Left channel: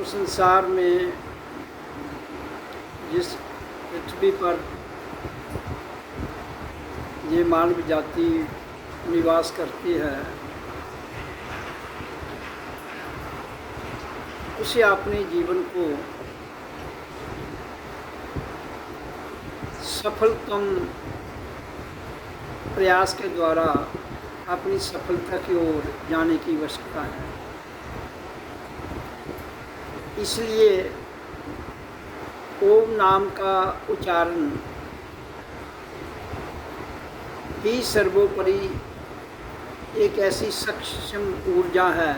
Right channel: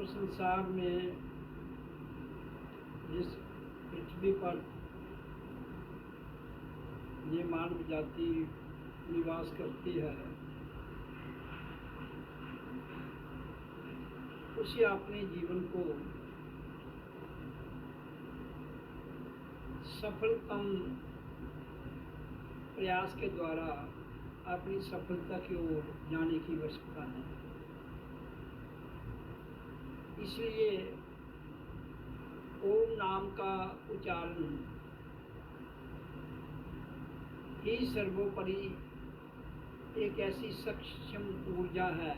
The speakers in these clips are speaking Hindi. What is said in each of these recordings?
तो संसार में जिस पृथ्वी पर ये मानव जाति निवास करती है, उसे अपने जीवन को सफलतम प्रयास के द्वारा अपनी सफलता की ओर जाने की आवश्यकता है। इसलिए ओम नाम का उच्चारण ही सर्वोपरि एक ऐसी सक्षम ऊर्जा है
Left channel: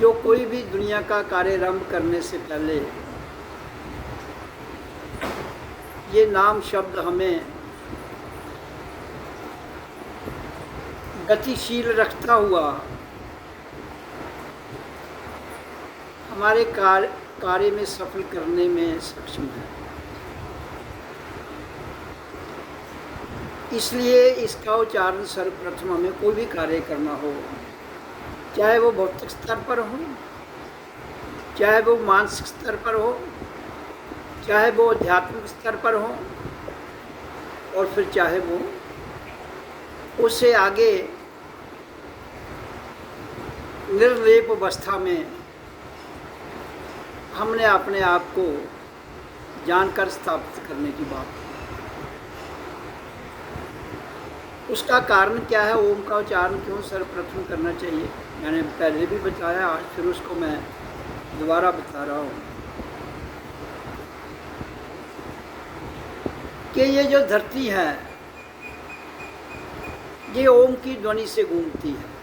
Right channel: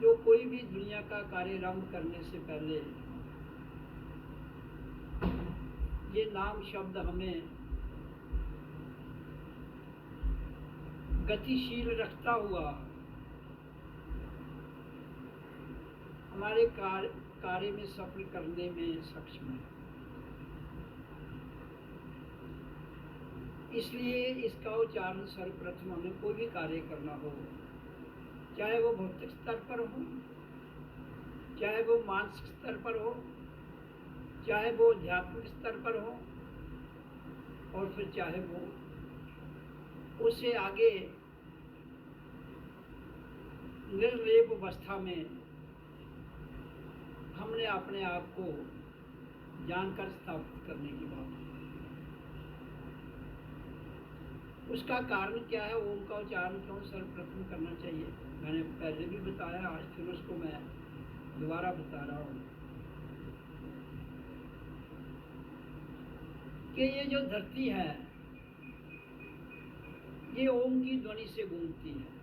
जो कोई भी दुनिया का कार्यारंभ करने से पहले ये नाम शब्द हमें गतिशील रखता हुआ हमारे कार्य में सफल करने में सक्षम है। इसलिए इसका उच्चारण सर्वप्रथम हमें कोई भी कार्य करना हो, चाहे वो भौतिक स्तर पर हो, चाहे वो मानसिक स्तर पर हो, चाहे वो आध्यात्मिक स्तर पर हो, और फिर चाहे वो उससे आगे निर्लेप अवस्था में हमने अपने आप को जानकर स्थापित करने की बात। उसका कारण क्या है? ओम का उच्चारण क्यों सर्वप्रथम करना चाहिए? मैंने पहले भी बताया, आज फिर उसको मैं दोबारा बता रहा हूँ कि ये जो धरती है ये ओम की ध्वनि से गूंजती है।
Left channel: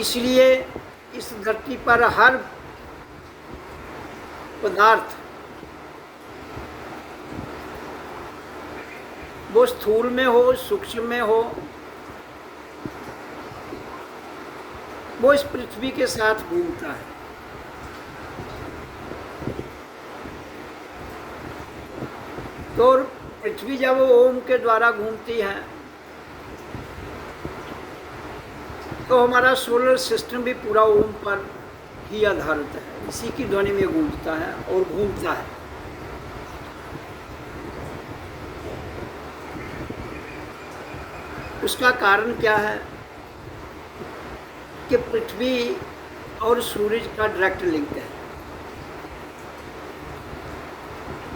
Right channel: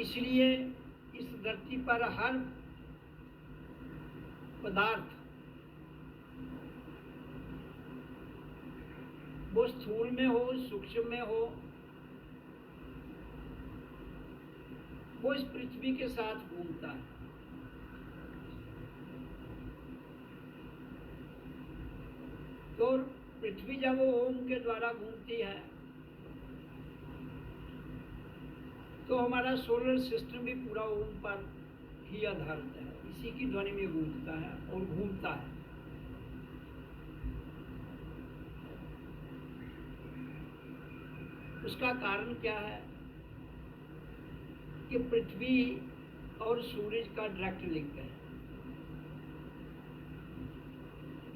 इसलिए इस धरती पर हर पदार्थ, वो स्थूल में हो, सूक्ष्म में हो, वो इस पृथ्वी के साथ घूमता है। तो पृथ्वी जब वो ओम के द्वारा घूमती है तो हमारा सोलर सिस्टम भी पूरा ओम पर ही आधारित है, इसी की ध्वनि में गूंजता है और घूमता है। उसका कारण क्या है कि पृथ्वी और सूरज का डायरेक्ट लिंक है।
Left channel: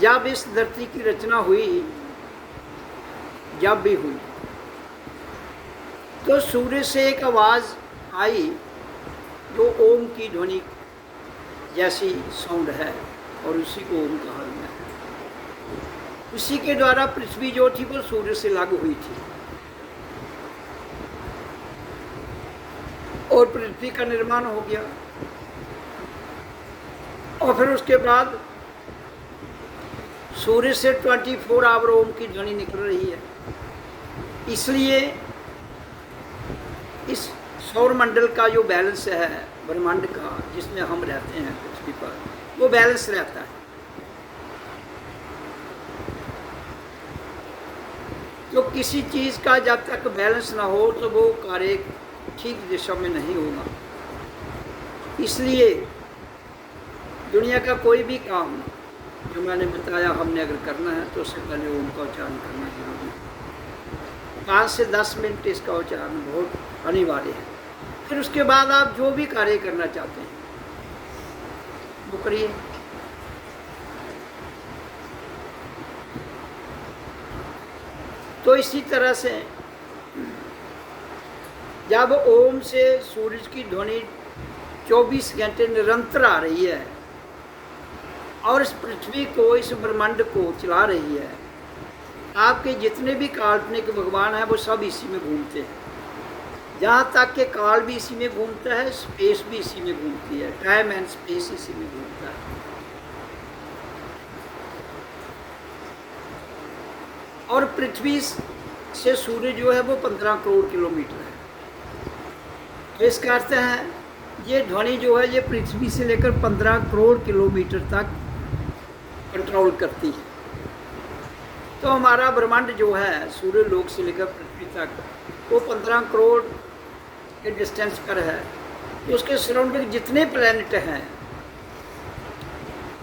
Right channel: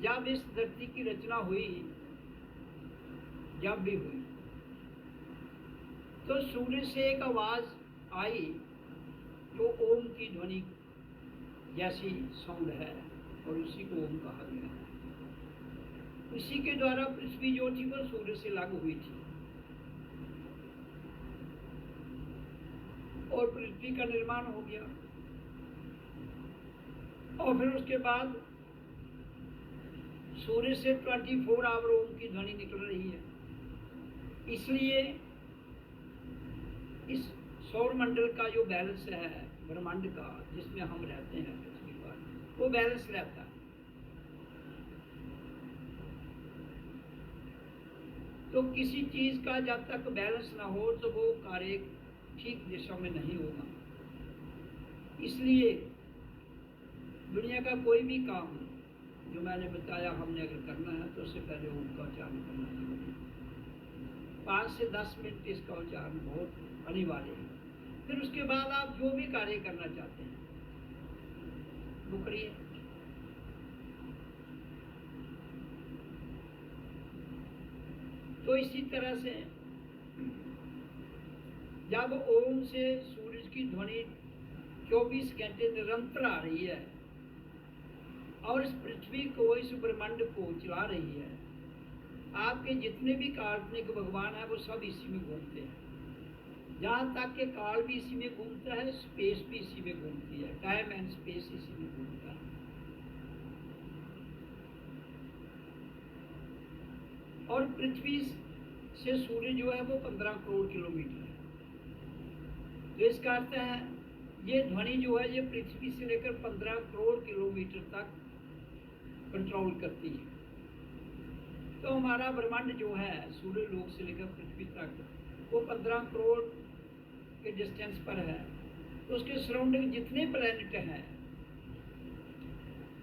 जब इस धरती की रचना हुई, जब भी हुई, तो सूर्य से एक आवाज़ आई जो ओम की ध्वनि जैसी साउंड है, और उसी को ओम कहा गया है। उसी के द्वारा पृथ्वी जो थी वो सूर्य से लागू हुई थी और पृथ्वी का निर्माण हो गया। और फिर उसके बाद सूर्य से 24 आवर ओम की ध्वनि निकल रही है। इसलिए इस सौरमंडल का जो बैलेंस है, ब्रह्मांड का जिसमें हम रहते हैं पृथ्वी पर, वो बैलेंस रहता है। तो किसी चीज़ का जब तक बैलेंस ना हो तो वो कार्य ठीक दिशा में नहीं होगा। इसलिए दुनिया का कोई भी काम जो मैंने बताया हमने अगर करना है तो उससे पहले ओम का उच्चारण करना जरूरी है। 5 से 10 मिनट इसका उच्चारण बहुत अनिवार्य है। फिर उसके बाद आप जो भी कार्य करना चाहते हैं वो करिए। तो इसी तरह से जब ओम से सूरज की ध्वनि 24 घंटे निरंतर आ रही है और इस पृथ्वी को, इस ब्रह्मांड को चला रही है, आपके जितने भी काल्पनिक भगवान हैं वो सब इसी में घूमते हैं। जहाँ तक कि काल भी इसी में घूमता है, स्पेस भी इसी में घूमती है, टाइम एंड स्पेस इसी में घूमता है। और पृथ्वी से सूर्य जो है वो 15 करोड़ किलोमीटर है। तो इसका अर्थ है ये ध्वनि जो है ये पृथ्वी से लेकर 15 करोड़ किलोमीटर तक कंट्रोल करती है। तो हमारा ब्रह्मांड जो है सूर्य लोक से लेकर पृथ्वी तक वो 15 करोड़ के डिस्टेंस पर है, तो उसके सराउंडिंग जितने प्लैनेट हैं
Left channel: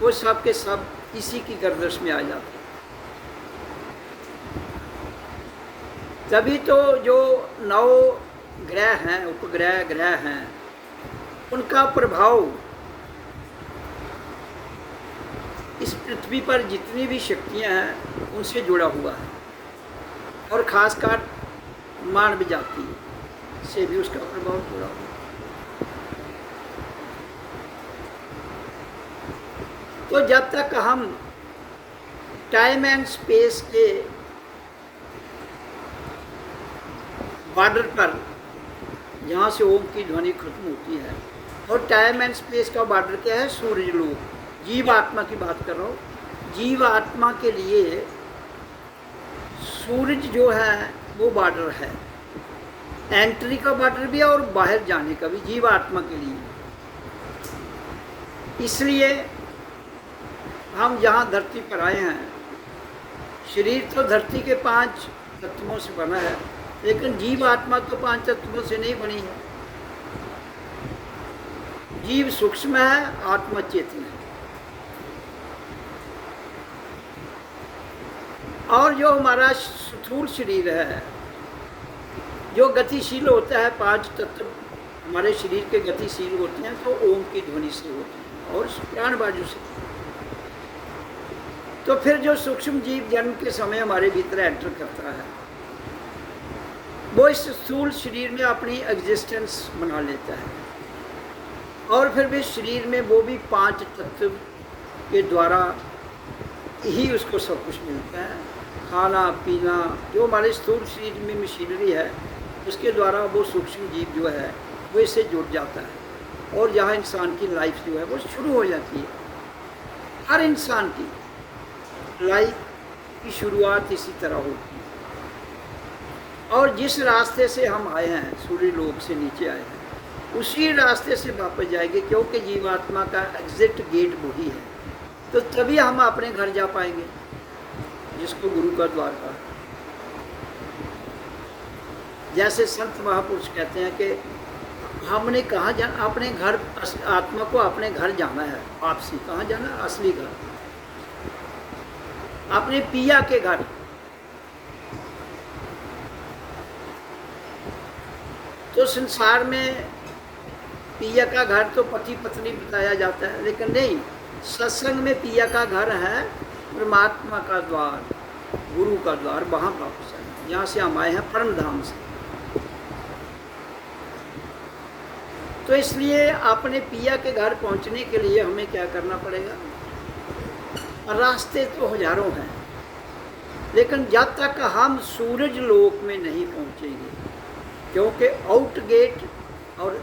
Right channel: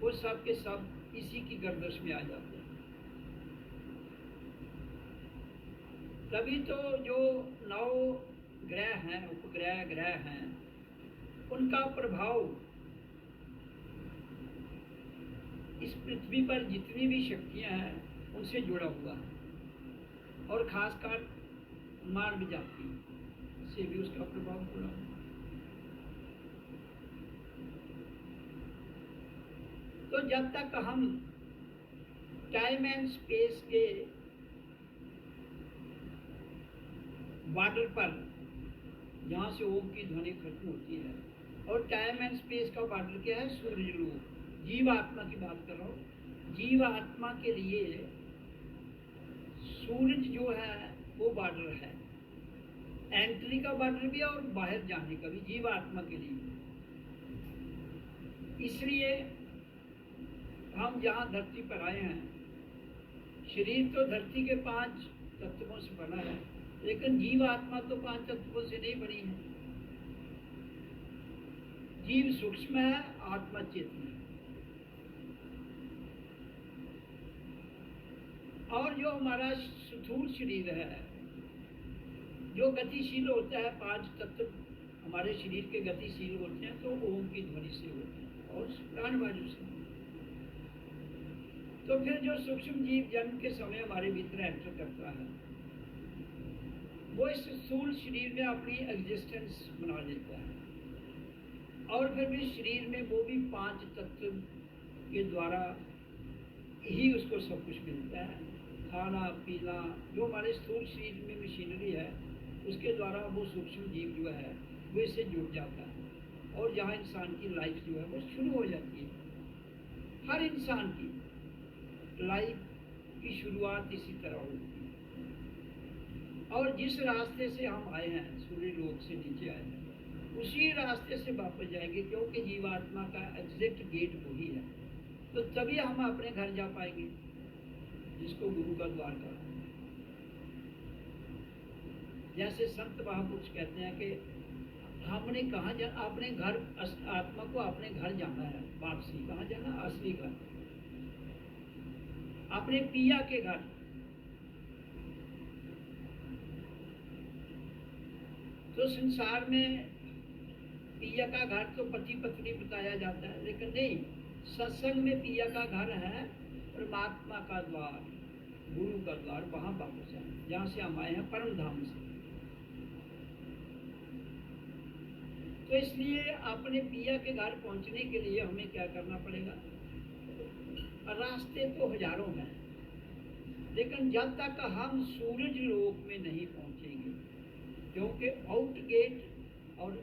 वो सब के सब इसी की गर्दिश में आ जाते हैं। तभी तो जो 9 ग्रह हैं, उपग्रह ग्रह हैं, उनका प्रभाव इस पृथ्वी पर जितनी भी शक्तियां हैं उनसे जुड़ा हुआ है, और खासकर मानव जाति से भी उसका प्रभाव जुड़ा हुआ है। तो जब तक हम टाइम एंड स्पेस के बॉर्डर पर, जहाँ से ओम की ध्वनि खत्म होती है, और टाइम एंड स्पेस का बॉर्डर क्या है? सूर्य लोक। जीव आत्मा की बात कर रहा हूँ। जीव आत्मा के लिए सूरज जो है वो बॉर्डर है, एंट्री का बॉर्डर भी है और बाहर जाने का भी, जीव आत्मा के लिए। इसलिए हम जहाँ धरती पर आए हैं, शरीर तो धरती के 5 तत्वों से बना है, लेकिन जीव आत्मा तो 5 तत्वों से नहीं बनी है। जीव सूक्ष्म है, आत्मा चेतन है। और जो हमारा स्थूल शरीर है, जो गतिशील होता है, 5 तत्व हमारे शरीर के गतिशील होते हैं, तो ओम की ध्वनि से होते हैं और प्राण बाजू से। तो फिर जो सूक्ष्म जीव जन्म के समय हमारे भीतर एंटर करता है, वो इस स्थूल शरीर में अपनी एग्जिस्टेंस बना लेता है, और फिर भी शरीर में वो भी 5 तत्व के द्वारा ही उसको सब कुछ मिलता है। खाना पीना, जो हमारे स्थूल शरीर में मशीनरी है, उसके द्वारा वो सूक्ष्म जीव जो है वो इससे जुड़ जाता है, और जहाँ इंसान की लाइफ जो है वो शुरू हो जाती है। हर इंसान की लाइफ की शुरुआत इसी तरह होती है, और जिस रास्ते से हम आए हैं, सूर्य लोक से नीचे आए हैं, उसी रास्ते से वापस जाएंगे, क्योंकि जीवात्मा का एग्जिट गेट वही है। तो तभी हम अपने घर जा पाएंगे, जिसको गुरु का द्वार कहा। जैसे संत महापुरुष कहते हैं कि हमने कहाँ जाना, अपने घर, आत्मा को अपने घर जाना है। वापसी कहाँ जाना? असली घर, अपने पिया के घर। तो संसार में पिया का घर तो पति पत्नी बताया जाता है, लेकिन नहीं, सत्संग में पिया का घर है परमात्मा का द्वार, गुरु का द्वार, वहाँ वापस है जहाँ से हम आए हैं, परम धाम से। तो इसलिए अपने पिया के घर पहुँचने के लिए हमें क्या करना पड़ेगा? रास्ते तो हजारों हैं, लेकिन जब तक हम सूरज लोक में नहीं पहुँचेंगे, क्योंकि आउट गेट और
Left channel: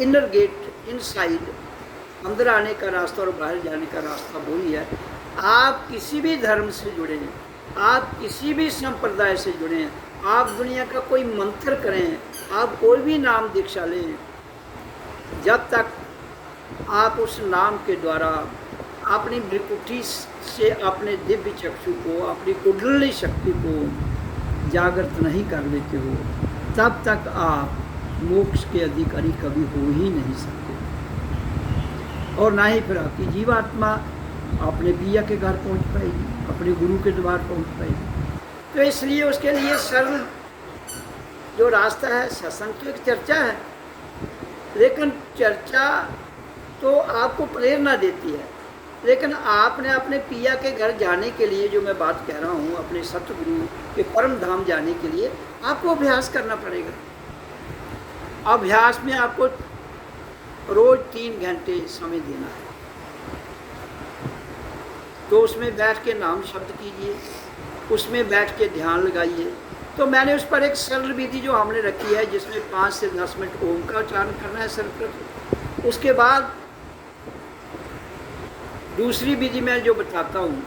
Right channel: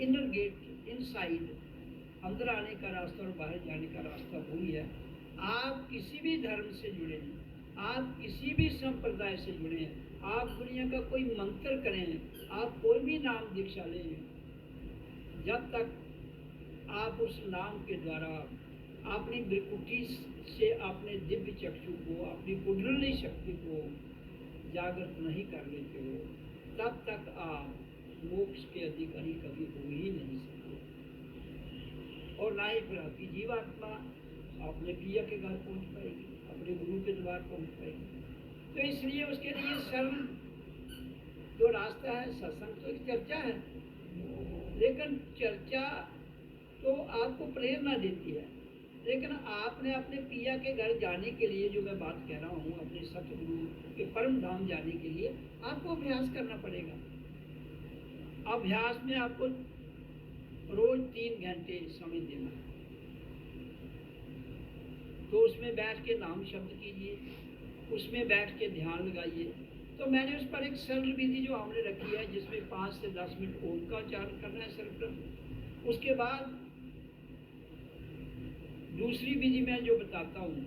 इनर गेट, इनसाइड, अंदर आने का रास्ता और बाहर जाने का रास्ता वही है। आप किसी भी धर्म से जुड़े हैं, आप किसी भी संप्रदाय से जुड़े हैं, आप दुनिया का कोई मंत्र करें, आप कोई भी नाम दीक्षा लें, जब तक आप उस नाम के द्वारा अपनी भ्रिकुटी से अपने दिव्य चक्षु को, अपनी कुंडली शक्ति को जागृत नहीं कर लेते हो, तब तक आप मोक्ष के अधिकारी कभी हो ही नहीं सकते, और ना ही फिर आपकी जीवात्मा अपने पिया के घर पहुंच पाएगी, अपने गुरु के द्वार पहुंच पाएगी। तो इसलिए उसके लिए सरल जो रास्ता है, सत्संग तो एक चर्चा है, लेकिन चर्चा तो आपको प्रेरणा देती है, लेकिन आपने अपने पिया के घर जाने के लिए, जो मैं बात कह रहा हूँ, अपने सतगुरु के परम धाम जाने के लिए आपको अभ्यास करना पड़ेगा। अभ्यास में आपको रोज 3 घंटे समय देना है। तो उसमें बैठ के नाम शब्द कीजिए, उसमें बैठ के ध्यान लगाइए। तो मैंने उस पर एक सरल विधि जो हमने रखी है, जिसमें 5 से 10 मिनट ओम का उच्चारण करना है सर्वप्रथम। उसके बाद दूसरी विधि मैं जो बताता हूँ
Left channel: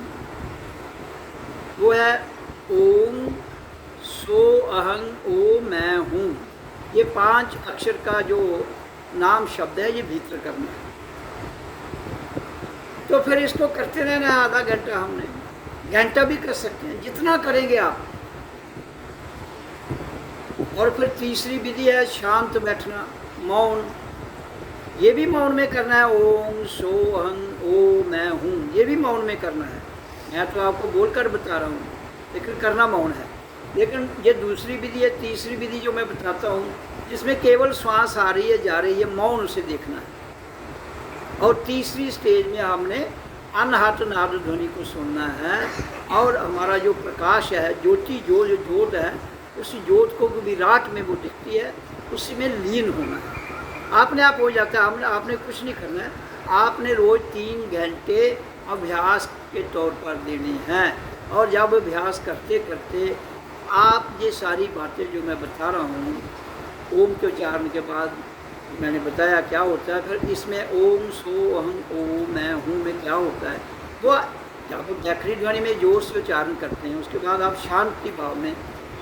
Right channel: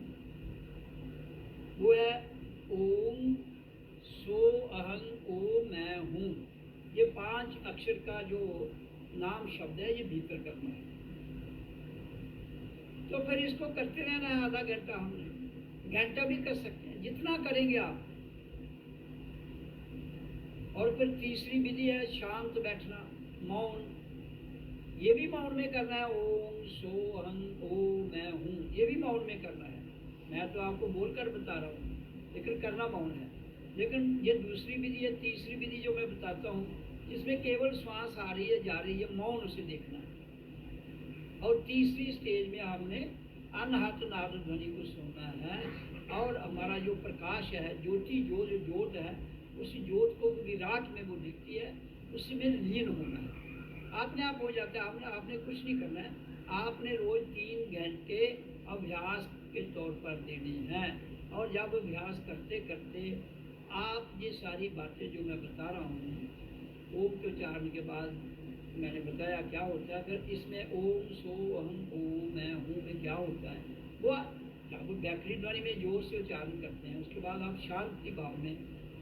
वो है ओम सो अहं ओ मैं हूँ। ये 5 अक्षर का जो नाम शब्द है, ये भीतर करना है। तो फिर इसको करते रहना है आधा घंटा, हमने घंटा भी कर सकते हैं, जितना करेंगे आप। और फिर तीसरी विधि है शांत बैठना, मौन। ये भी मौन में करना है, ओम सो अहं ओ मैं हूँ, ये भी मौन में करना है। मैं तो आपको बोलकर बता रहा हूँ, लेकिन करना मौन है। लेकिन ये दूसरी विधि है, तीसरी विधि जो मैं बताता हूँ, जिसमें केवल श्वास आ रही है जा रही है, मौन उसे देखना है। और तीसरी स्टेज में हमने अनहत नाद ध्वनि को सुनना है, और हमारा जो प्रकाश है, ज्योति जो ज्योत है, उस ज्योत को विराट में वो दिखती है, उसी में लीन होना है। आपने आप हो जाता है। आपने कुछ नहीं करना है, आपने रोज़ 3 घंटे अभ्यास के तौर पर देने हैं। और जब अभ्यास करते करते आप ये सारी बातें जो मैं बता रहा हूँ, ओम के उच्चारण के बाद मैंने बताया क्या होता है, फिर इसमें ओम सो अहं ओ मैं हूँ में क्या होता है, वो जब व्याखरी ध्वनि में जोर से उच्चारण करते हैं, उसके बाद आप शांति भाव में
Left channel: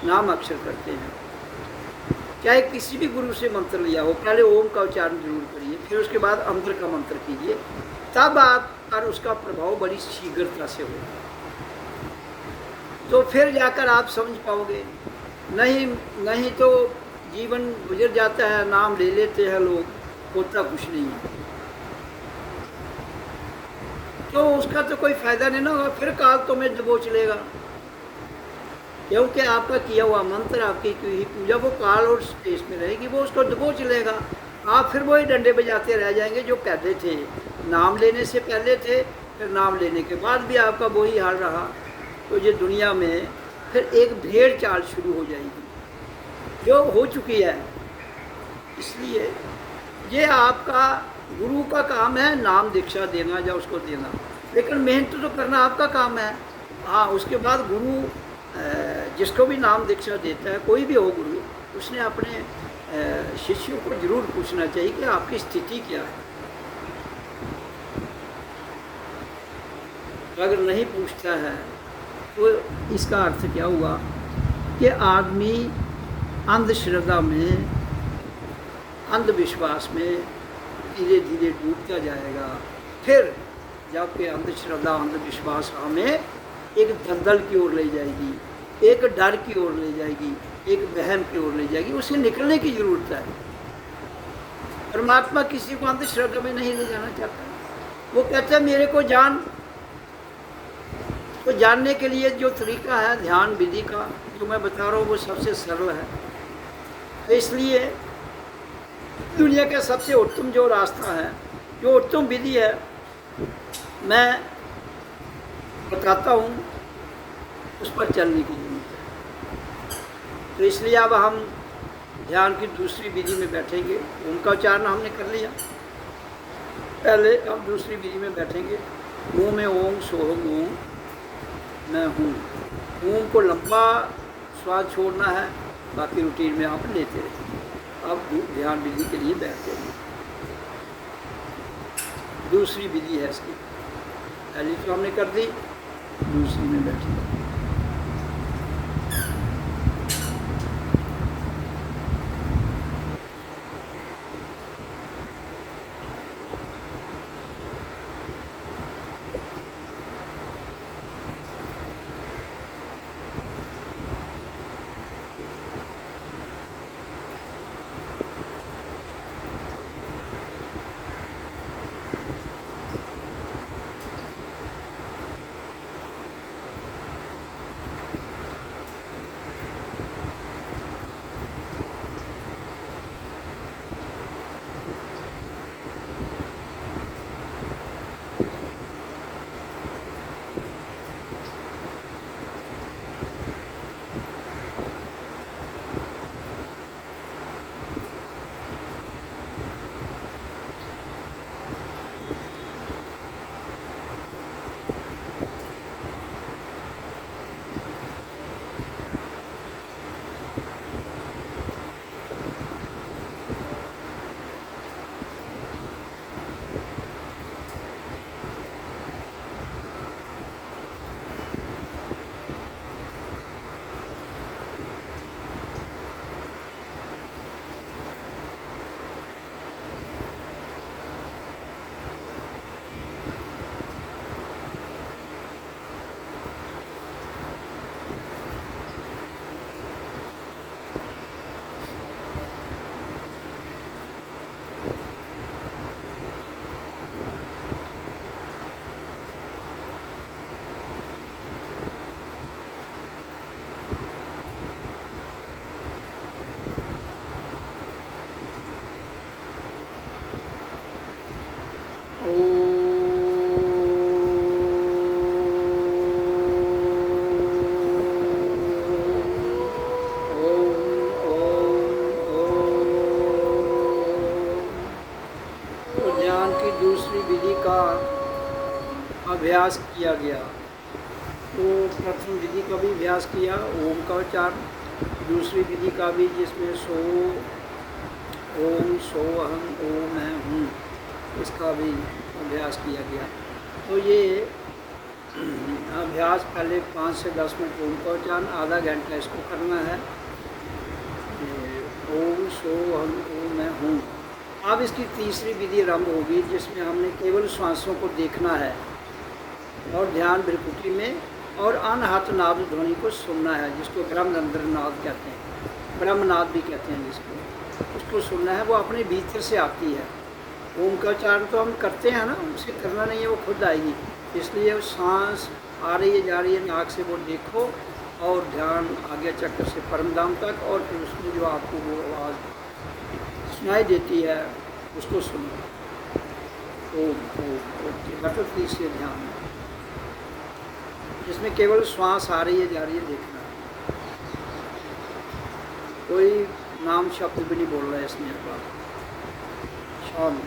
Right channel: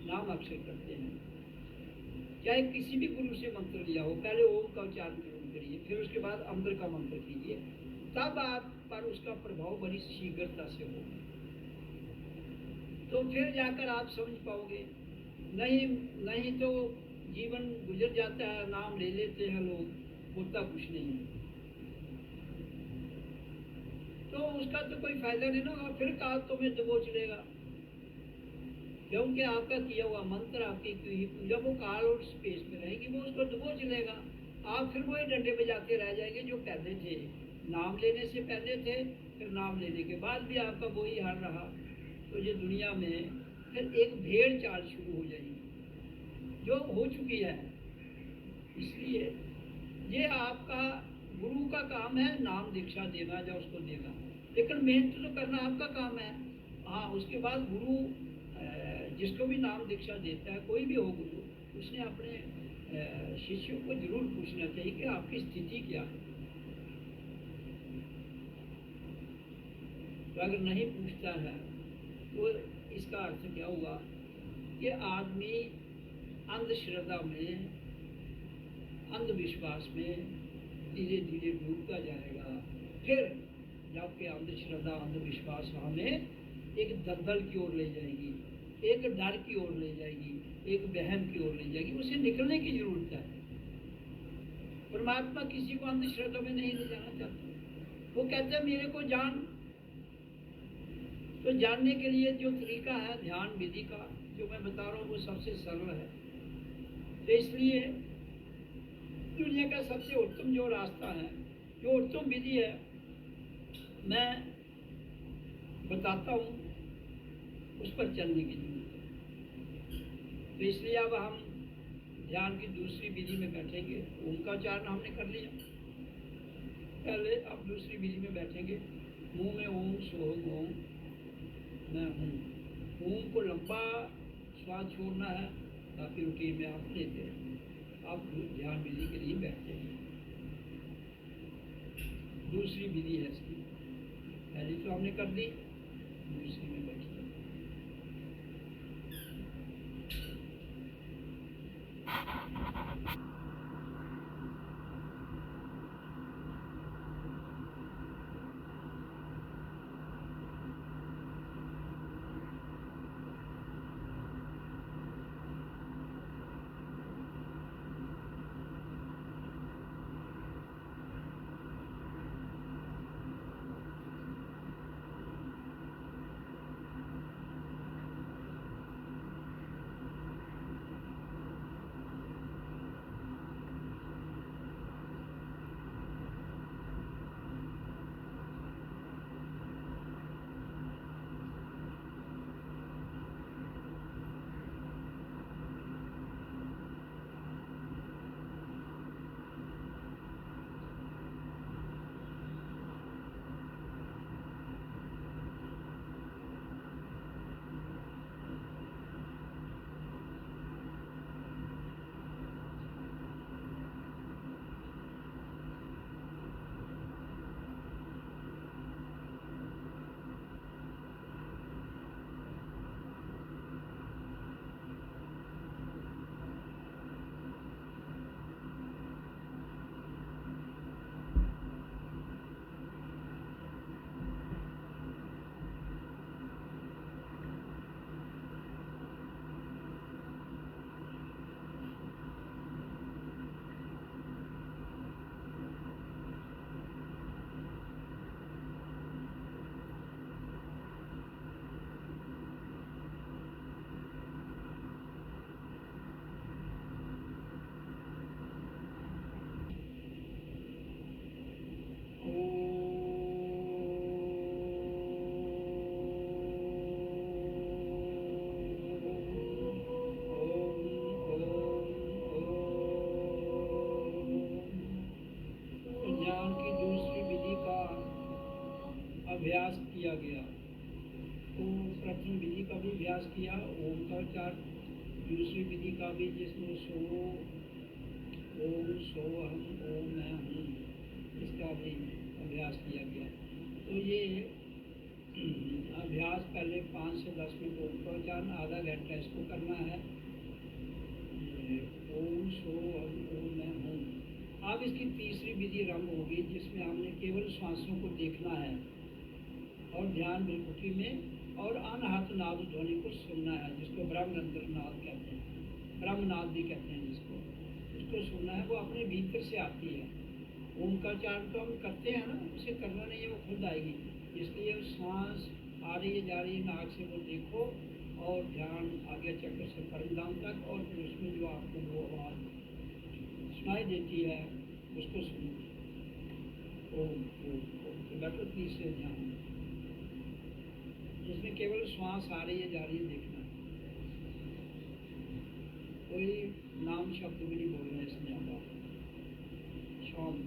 नाम अक्षर करते हैं। चाहे किसी भी गुरु से मंत्र लिया हो, पहले ओम का उच्चारण जरूर करिए, फिर उसके बाद अंतर का मंत्र कीजिए, तब आप पर उसका प्रभाव बड़ी शीघ्रता से होगा। तो फिर जाकर आप समझ पाओगे। नहीं तो जीवन गुजर जाता है, नाम ले लेते हैं लोग, होता कुछ नहीं है, तो उसका तो कोई फायदा नहीं ना होगा। फिर काल तो में दबोच लेगा, क्योंकि आपका किया हुआ मंत्र, आपकी की हुई पूजा वो काल और स्पेस में रहेगी, वो उसको दबोच लेगा। आप फिर वही डंडे बजाते रह जाएंगे जो पहले थे, नाम लेने से पहले थे, फिर नाम लेने के बाद भी आपका वही हाल रहा। तो ये दुनिया में फिर एक भेड़ चाल शुरू हो जाएगी, जो हो चुकी है। इसलिए ये आपका गुरु का काम है नाम दीक्षा देना या उसको देना, लेकिन मेहनत तो करना आपका काम है। हाँ, उसके बाद गुरु जिसको भी नाम दीक्षा देता है, कोई भी हो गुरु, उसने अपने शिष्यों को जरूर पूछना चाहिए कि आपकी स्थिति क्या है। अगर नहीं पूछता है तो इसका अर्थ क्या हुआ कि आदमी अंधश्रद्धा में, अंधविश्वास में धीरे धीरे डूबता जाएगा। फिर जबकि अंधश्रद्धा अंधविश्वास हमें एक दलदल की ओर ले जाएगी, एक डर की ओर ले जाएगी, एक वहम की ओर ले जाएगी, उसे निकलने की जरूरत है। परमात्मा किसी को अंधश्रद्धा में नहीं ले जाना चाहता। वो कहता है मेरे को जान। तो जानने के लिए जो तरीका है ध्यान विधि का जो मैं बता रहा हूँ, वो सबसे सरल है। तो इसलिए दुनिया का सबसे उत्तम जो रास्ता है, जो उत्तम विधि है, मैं बताता हूँ, उस पर चलने की जरूरत है। तो इसलिए अब हम ध्यान की दूसरी विधि में बैठेंगे। ओम का उच्चारण हमने कर लिया पहले, अब दूसरी विधि में बैठेंगे। मुंह में ओम सोहम ओम मैं हूँ। ओम को लंबा श्वास छोड़ना है, बाकी रूटीन में आप लेते रहेंगे। अब ध्यान विधि के लिए बैठते हैं। दूसरी विधि है इसकी, पहली तो हमने कर दी, दूसरी में बैठे। अभ्यास किया गया। तो प्रथम विधि का भी अभ्यास किया, ओम का उच्चारण। दूसरी विधि का भी, जिसमें सो ओम, सो अहम, ओम मैं हूँ, इसका भी अभ्यास किया गया। तो ये अभ्यास पहले 5 से 10 मिनट ओम का उच्चारण, आधा घंटा इसको करना है। ओम, सो अहम, ओम मैं हूँ। अब इसकी तीसरी विधि आरंभ होगी, जिसमें हमने केवल श्वासों को देखना है और ध्यान भ्रिकुटी में, और अनहत नाद ध्वनि को सुनना है, जिसको ब्रह्मरंध्र नाद कहते हैं, ब्रह्मनाद भी कहते हैं जिसको, उसको सुनना है। वो अपने भीतर से आती है। ओम का उच्चारण तो हम करते हैं ना, उसे करना नहीं है, वो खुद आएगी। इसलिए सांस आ रही है जा रही है, नाक से वो देखो और ध्यान आगे चक्र से परमधाम तक, और फिर उसमें जो आपको वो आवाज़ सुनाई देती है उसको सुनो। ओम ओम ओम लटक से ध्यान, जिसमें केवल श्वास आ रही है जा रही है देखना, कोई नाम शब्द भी नहीं बोल रहा है इसमें। शाम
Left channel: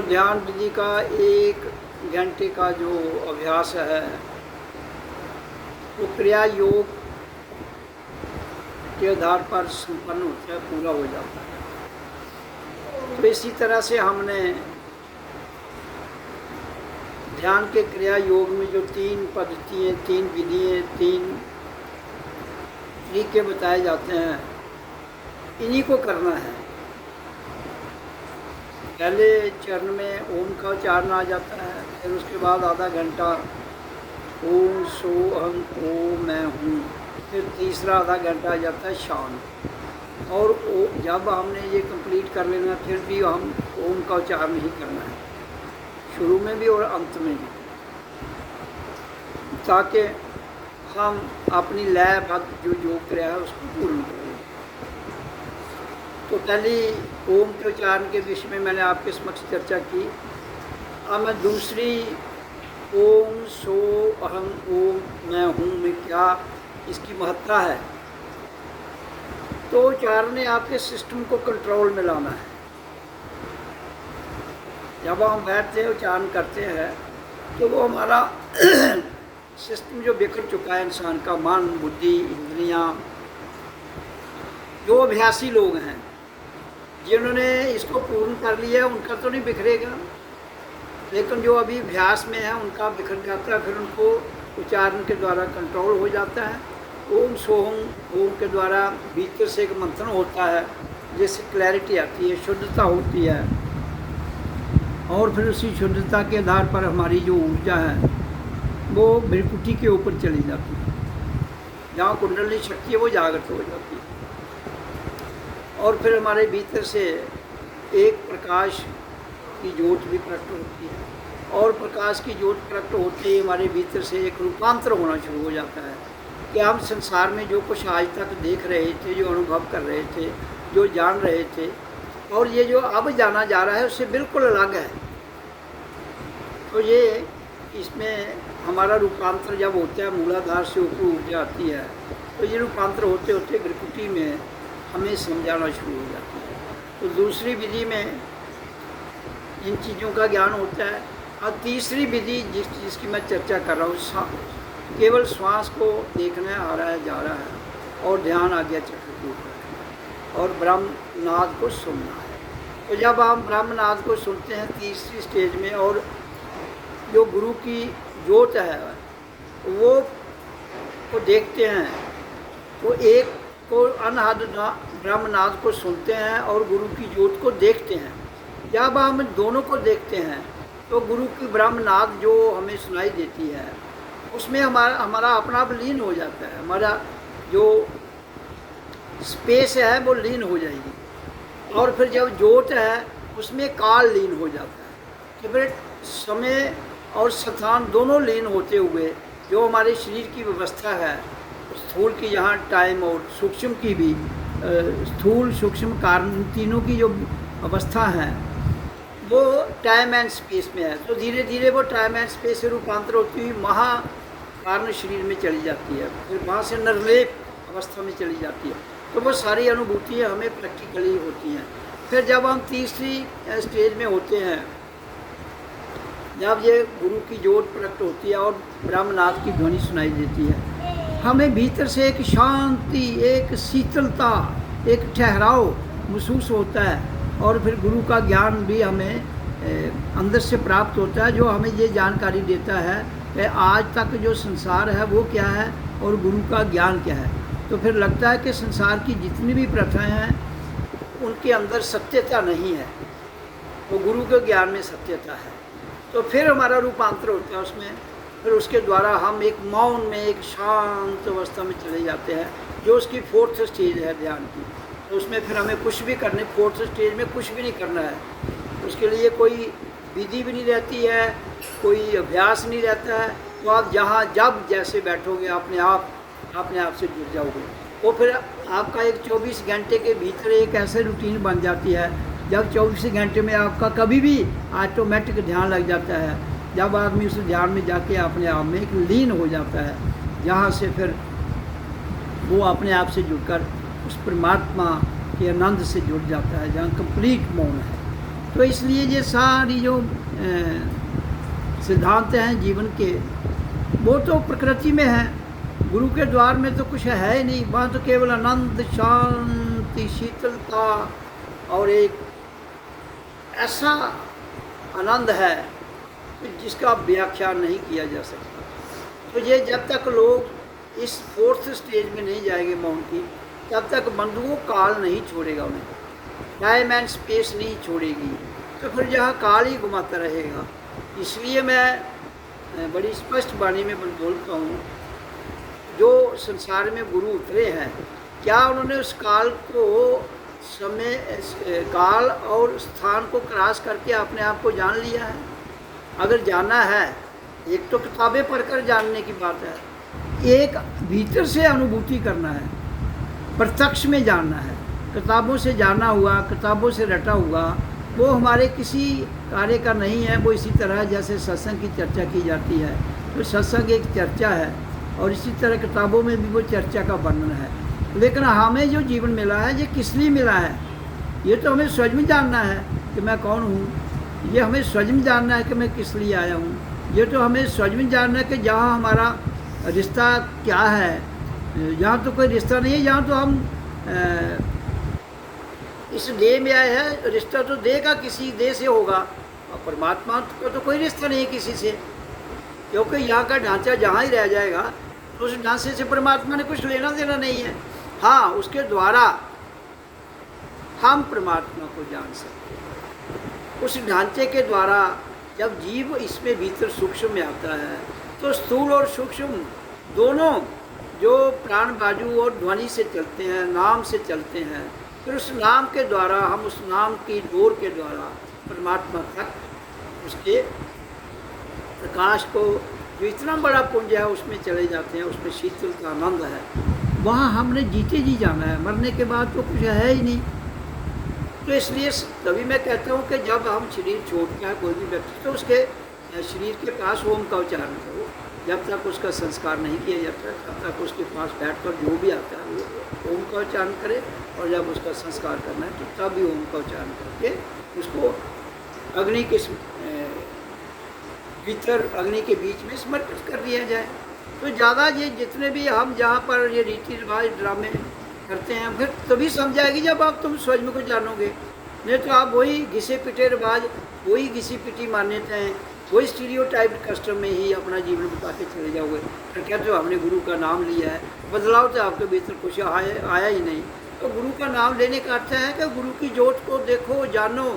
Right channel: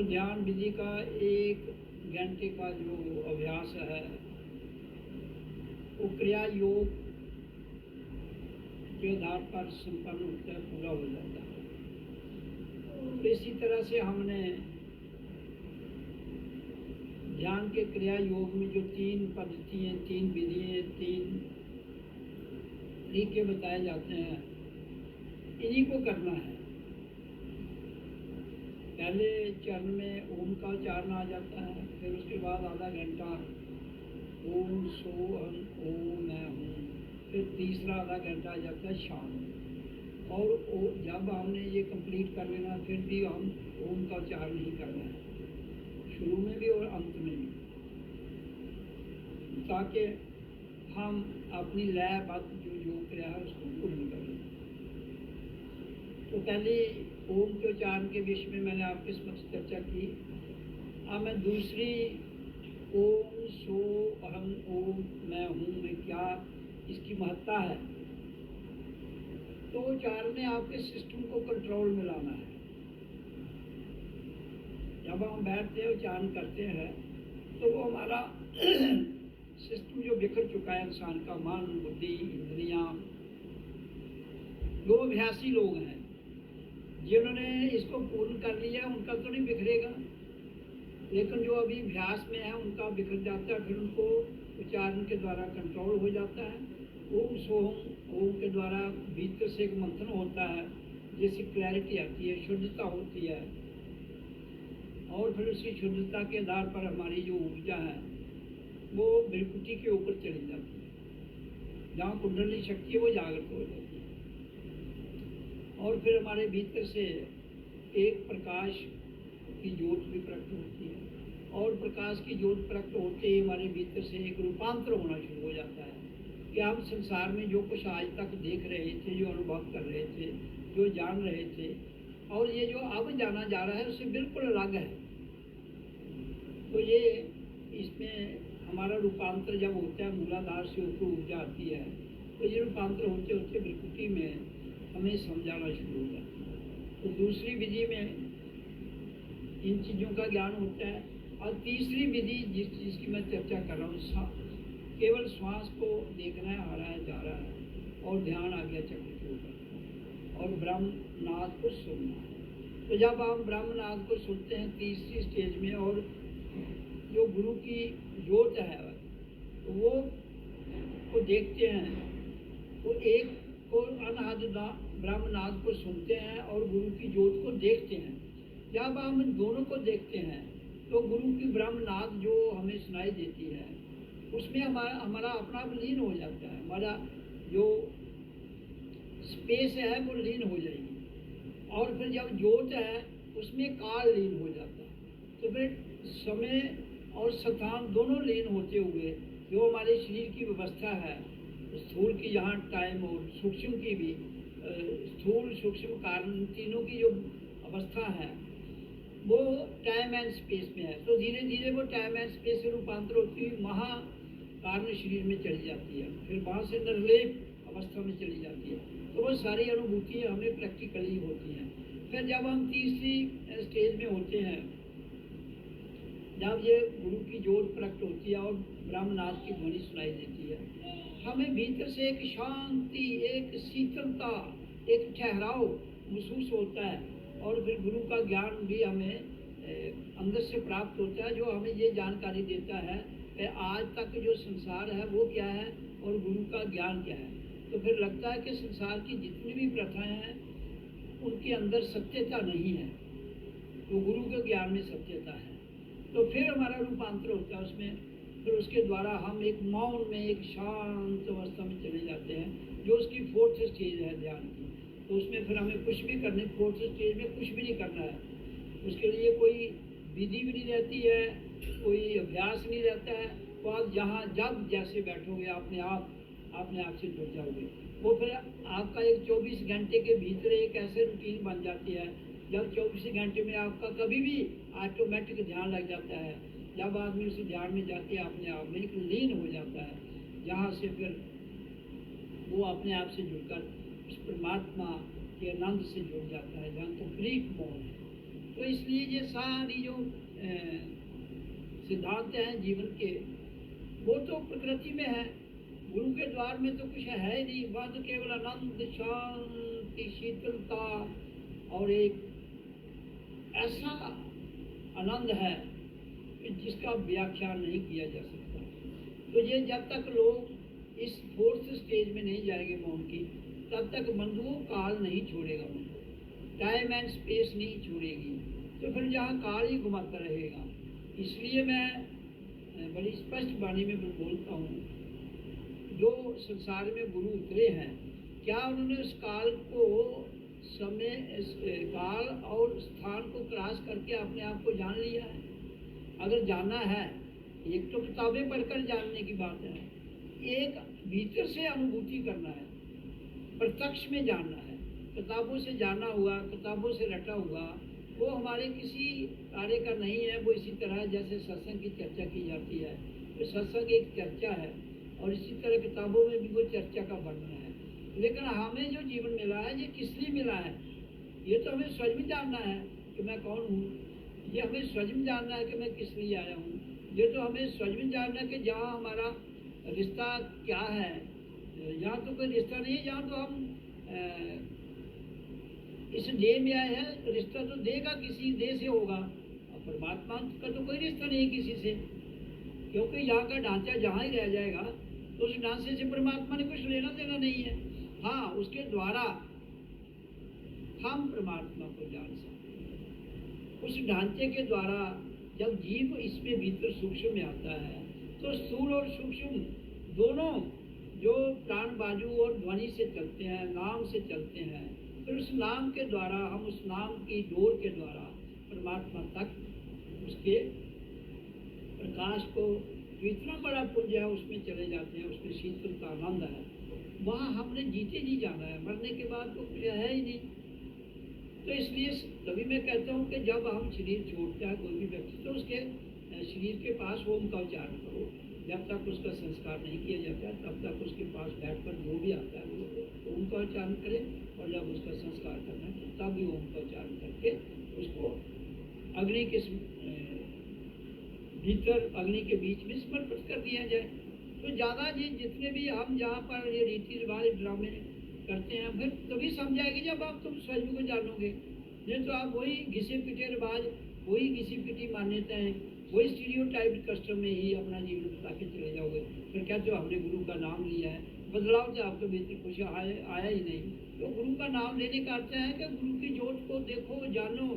तो ध्यान विधि का 1 घंटे का जो अभ्यास है वो क्रिया योग के आधार पर संपन्न होता है, पूरा हो जाता है। तो इसी तरह से हमने ध्यान के क्रिया योग में जो 3 पद्धतियाँ, 3 विधियाँ, 3 तरीके बताए जाते हैं, इन्हीं को करना है। पहले चरण में ओम का उच्चारण आ जाता है, फिर उसके बाद आधा घंटा ओम सो अहम ओम मैं हूँ, फिर तीसरा आधा घंटा आ जाता है शांत। और जब हमने ये कंप्लीट कर लेना फिर भी हम ओम का उच्चारण ही करना है, शुरू में भी और अंत में भी, ताकि हम अपनी लय भक्त जो योग क्रिया है उसको पूर्ण करें। तो पहली ओम के उच्चारण के विषय में मैंने आपके समक्ष चर्चा की। अब मैं दूसरी ओम सो अहम ओम मैं हूँ में क्या इसकी महत्ता है, तो उच्चारण ने आपके सिस्टम को कंट्रोल में लाना है। जब हम बैठते हैं उच्चारण करते हैं तो वो हमारा सिस्टम जो बिखर चुका है इंसान का, मन बुद्धि इंद्रियाँ, जो अभ्यासी लोग हैं जिन्होंने इसको पूर्ण कर लिया उनका तो नहीं बिखरेगा, लेकिन जो अभी अभ्यास में है उनका बिखर जाता है। फिर उनको उच्चारण के द्वारा कंट्रोल हो जाता है। ओम सोहम ओम के द्वारा भीतर से एक मंथन होता है, जिससे क्लैरिटी आती है, शुद्धता होती है, और फिर उसी शुद्धता के आधार पर हमारी जो ऊर्जा है वो भ्रिकुटी के ऊपर चली जाती है, जहाँ कुंडली शक्ति है वो जागृत हो जाती है। और फिर हमारे भीतर से एक प्रकाश की ज्योत भी प्रकट होती है, और प्रकाश की ज्योत प्रकट होते ही हमारे भीतर से एक रूपांतर होना शुरू हो जाता है कि हम संसार में जो कुछ आज तक देख रहे थे, जो अनुभव कर रहे थे, जो जान रहे थे, और ये जो अब जाना जा रहा है उससे बिल्कुल अलग है। तो ये इसमें हमारा रूपांतर जब होता है, मूलाधार से ऊपर ऊर्जा आती है, तो ये रूपांतर होते होते भ्रिकुटी में हमें समझाना शुरू हो जाता है। तो दूसरी विधि में इन चीज़ों का ज्ञान होता है। और तीसरी विधि जिसकी मैं चर्चा कर रहा हूँ, केवल श्वास को देखना आ रहा है, जा रहा है, और ध्यान आज्ञा चक्र के ऊपर, और ब्रह्मनाद को सुनना है। तो जब आप ब्रह्मनाद को सुनते हैं तीसरी स्टेज में, और जो गुरु की ज्योत है वो को देखते हैं, तो एक को अनहद ब्रह्मनाद को सुनते हैं और गुरु की ज्योत को देखते हैं। जब हम दोनों को देखते हैं तो गुरु की ब्रह्मनाद जो हमें सुनाई देती है उसमें हमारा अपना आप लीन हो जाता है, हमारा जो स्पेस है वो लीन हो जाएगी। और फिर जब ज्योत है उसमें काल लीन हो जाता है, कि फिर समय और स्थान दोनों लीन होते हुए जो हमारे शरीर की व्यवस्था है, स्थूल की यहाँ टाइम और सूक्ष्म की भी, स्थूल सूक्ष्म कारण तीनों की जो अवस्था है वो टाइम एंड स्पेस में है। तो धीरे धीरे वो टाइम एंड स्पेस से रूपांतर होती हुई महाकारण शरीर में चली जाती है, फिर वहाँ से निर्लेप अवस्था में चली जाती है। तो वो सारी अनुभूतियाँ हमें प्रैक्टिकली होती हैं। फिर जब हम तीसरी स्टेज में होते हैं, जब ये गुरु की ज्योत प्रकट होती है और ब्रह्मनाद की ध्वनि सुनाई देती है, हमें भीतर से एक शांति, एक शीतलता, एक ठहराव महसूस होता है। और फिर गुरु का ज्ञान भी हमें अंदर से प्राप्त होता है, जो हमें ये जानकारी देता है कि आज तक जो संसार है वो क्या है और गुरु का ज्ञान क्या है। तो फिर लगता है कि संसार की जितनी भी प्रथाएं हैं उनके अंदर सत्यता नहीं है, वो गुरु के ज्ञान में सत्यता है। तो फिर हमारा रूपांतर होता है उसमें, फिर उसके द्वारा हम एक मौन में, एक शांत अवस्था में चले जाते हैं, जो उसकी 4th स्टेज है ध्यान की। तो उसमें फिर हमें कुछ भी करने, 4th स्टेज में कुछ भी नहीं करना है, उसके लिए कोई विधि भी नहीं रहती है, कोई अभ्यास नहीं रहता है। तो आप जहाँ जब जैसे बैठोगे अपने आप से जुड़ जाओगे। वो फिर आपका एक 24 घंटे के भीतर एक ऐसे रूटीन बन जाती है, जब 24 घंटे में आपका कभी भी ऑटोमेटिक ध्यान लग जाता है, जब आदमी उस ध्यान में जाके अपने आप में एक लीन हो जाता है, जहाँ से फिर वो अपने आप से जुड़कर उस परमात्मा के आनंद से जुड़ जाता है, जहाँ कंप्लीट मौन है। तो इसलिए ये सारी जो सिद्धांत हैं जीवन के, वो तो प्रकृति में है। गुरु के द्वार में तो कुछ है ही नहीं, वहाँ तो केवल आनंद, शांति, शीतलता और एक ऐसा आनंद है कि जिसका व्याख्या नहीं किया जा सकता। तो ये जब तक लोग इस 4th स्टेज में नहीं जाएंगे मौन की, तब तक बंधुओं काल नहीं छोड़ेगा उन्हें, टाइम एंड स्पेस नहीं छोड़ेगी, तो फिर जहाँ काल ही घुमाता रहेगा। इसलिए मैं बड़ी स्पष्ट वाणी में बोलता हूँ, जो संसार में गुरु उतरे हैं, क्या उन्होंने उस काल को, समय, काल और स्थान को क्रॉस करके अपने आप को जान लिया है? अगर जाना है, एक तो किताबें पढ़कर जानने की बात है, एक भीतर से अनुभूति करना है, प्रत्यक्ष में जानना है। किताबों से जाना हुआ, किताबों से रटा हुआ, वो हमारे किसी कार्य का नहीं है। वो इसी तरह जैसे सत्संग की चर्चा की जाती है, तो सत्संग एक चर्चा है, और इसी तरह किताबों में भी वो चर्चा का वर्णन है। लेकिन हमें जो जीवन मिला है, ये किस लिए मिला है? ये तो हमें स्वयं में जानना है कि मैं कौन हूँ। ये हमें स्वयं में जानना है कि मैं किस लिए आया हूँ। ये तो हमें स्वयं में जानना है कि जहाँ हमारा रिश्ता क्या है। जहाँ तो कोई रिश्ता नहीं है, जहाँ तो हम इस देह में आए हैं, रिश्ता तो देह का किसी देह से होगा, और परमात्मा का तो कोई रिश्ता नहीं है किसी से, क्योंकि यहाँ का ढांचा जहाँ ही रह जाएगा, तो उस ढांचे से परमात्मा ने कुछ लेना देना नहीं है। हाँ, उसके द्वारा हम परमात्मा को जान सकते हैं। उस ढांचे के द्वारा जब जीव इसमें भीतर सूक्ष्म में आता है, तो स्थूल और सूक्ष्म दोनों जो प्राण बाजू और ध्वनि से चलते हैं, नाम से चलते हैं, फिर उस नाम के द्वारा हम उस नाम की डोर के द्वारा परमात्मा तक उसके प्रकाश को, जो इतना बड़ा पुंज है, उसमें चले जाते हैं। उसमें शीतल का आनंद है। वहाँ हमने जीते जी जाना है, मरने के बाद तो कुछ है ही नहीं। तो इसलिए तभी मैं कहता हूँ कि जब हम शरीर छोड़ते हैं कोई भी व्यक्ति, तो उसके शरीर के पास ओम का उच्चारण करो। जब तक उसका संस्कार नहीं किया जाता, तब तक उसके पास बैठकर जो भी आता है वो ओम का उच्चारण करे, और जब उसका संस्कार करना है तो तब भी ओम का उच्चारण करके उसको अग्नि के भीतर, अग्नि के बीच में समर्पित कर दिया जाए। तो ज़्यादा ये जितने भी हम जहाँ पर ये रीति रिवाज ड्रामे करते हैं, फिर तभी समझाएगी जब आप तुम स्वयं को जानोगे। नहीं तो आप वही घिसे पिटे रिवाज, वही घिसी पिटी मान्यताएं, वही स्टीरियोटाइप कस्टम में ही अपना जीवन बिता के चले जाओगे। फिर कहते हो हमने गुरु का नाम लिया है, बदलाव तो आपके भीतर कुछ आया ही नहीं। तो गुरु का नाम लेने का अर्थ है कि गुरु की जोत को देखो, जानो,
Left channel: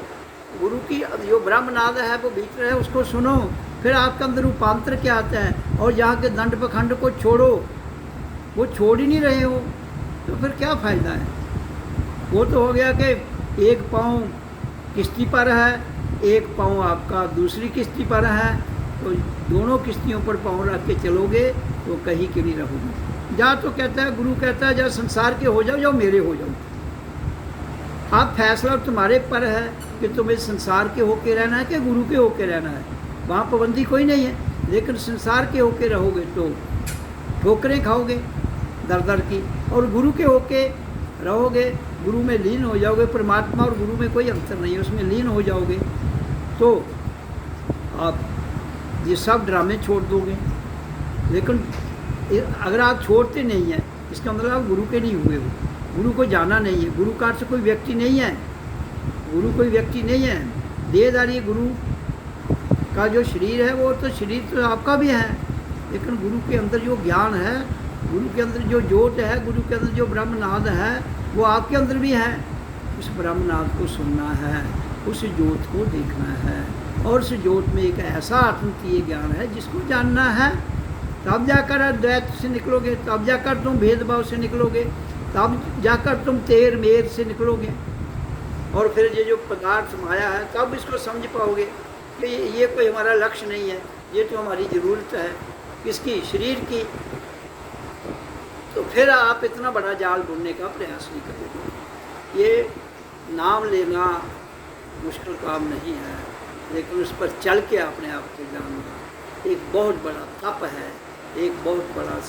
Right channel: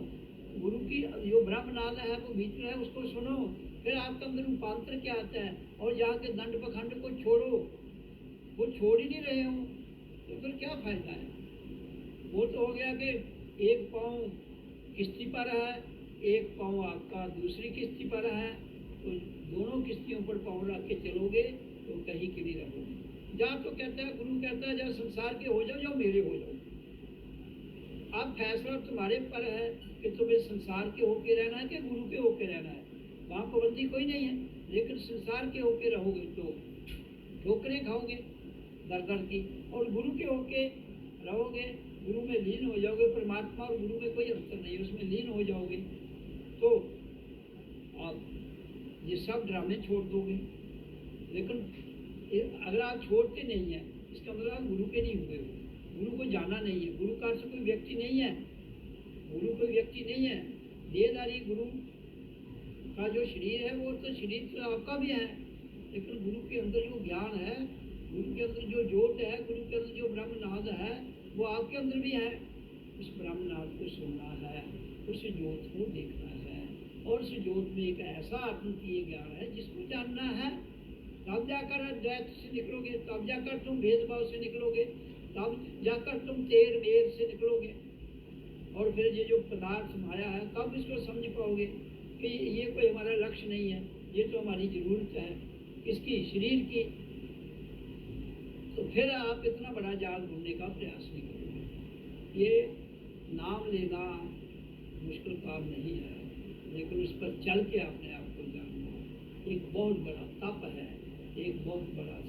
गुरु की जो ब्रह्मनाद है वो भीतर है, उसको सुनो। फिर आपके अंदर रूपांतर क्या आता है, और यहाँ के दंड पखंड को छोड़ो, वो छोड़ ही नहीं रहे हो, तो फिर क्या फ़ायदा है? वो तो हो गया कि एक पाँव किश्ती पर है, एक पाँव आपका दूसरी किश्ती पर है, तो दोनों किश्तियों पर पाँव रख के चलोगे तो कहीं के नहीं रहोगे। जा तो कहता है, गुरु कहता है, जा संसार के हो जाओ, जाओ मेरे हो जाओ। आप फैसला तुम्हारे पर है कि तुम्हें संसार के होके रहना है कि गुरु के होके रहना है। वहाँ पाबंदी कोई नहीं है, लेकिन संसार के होके रहोगे तो ठोकरें खाओगे दर दर की, और गुरु के होके रहोगे, गुरु में लीन हो जाओगे। परमात्मा और गुरु में कोई अंतर नहीं है, उसमें लीन हो जाओगे तो आप ये सब ड्रामे छोड़ दोगे। लेकिन अगर आप छोड़ते नहीं हैं, इसका मतलब आप गुरु के नहीं हुए हो, गुरु को जाना नहीं है। गुरु का अर्थ कोई व्यक्ति नहीं है, गुरु कोई व्यक्ति नहीं है। देहधारी गुरु का जो शरीर है, वो तो शरीर तो आपका भी है, लेकिन गुरु के अंदर जो ज्ञान है, गुरु के अंदर जो जोत है, गुरु के अंदर जो ब्रह्मनाद है, वो आपके अंदर भी है। उस ब्रह्मनाद को सुनना है, उस जोत को देखना है, और उस जोत में एक ऐसा अद्वितीय ज्ञान है जिसको जानना है। तब जाकर अद्वैत से निकलोगे, तब जाकर तुम भेदभाव से निकलोगे, तब जाकर तुम तेर मेर से निकलोगे, और फिर ये जो पदार्थ माया है, तब इसको समझ पाओगे कि ये कोई हमारा लक्ष्य नहीं है, ये तो हमारी ज़रूरत है किसकी, शरीर की। तो फिर आप इतना बड़ा जाल ढूंढने का प्रयास नहीं करोगे। ये नाम लेना मुश्किल काम नहीं है, लेकिन उस पर चल के अपने आप को जानना एक बहुत बड़ा तप है, एक बहुत बड़ा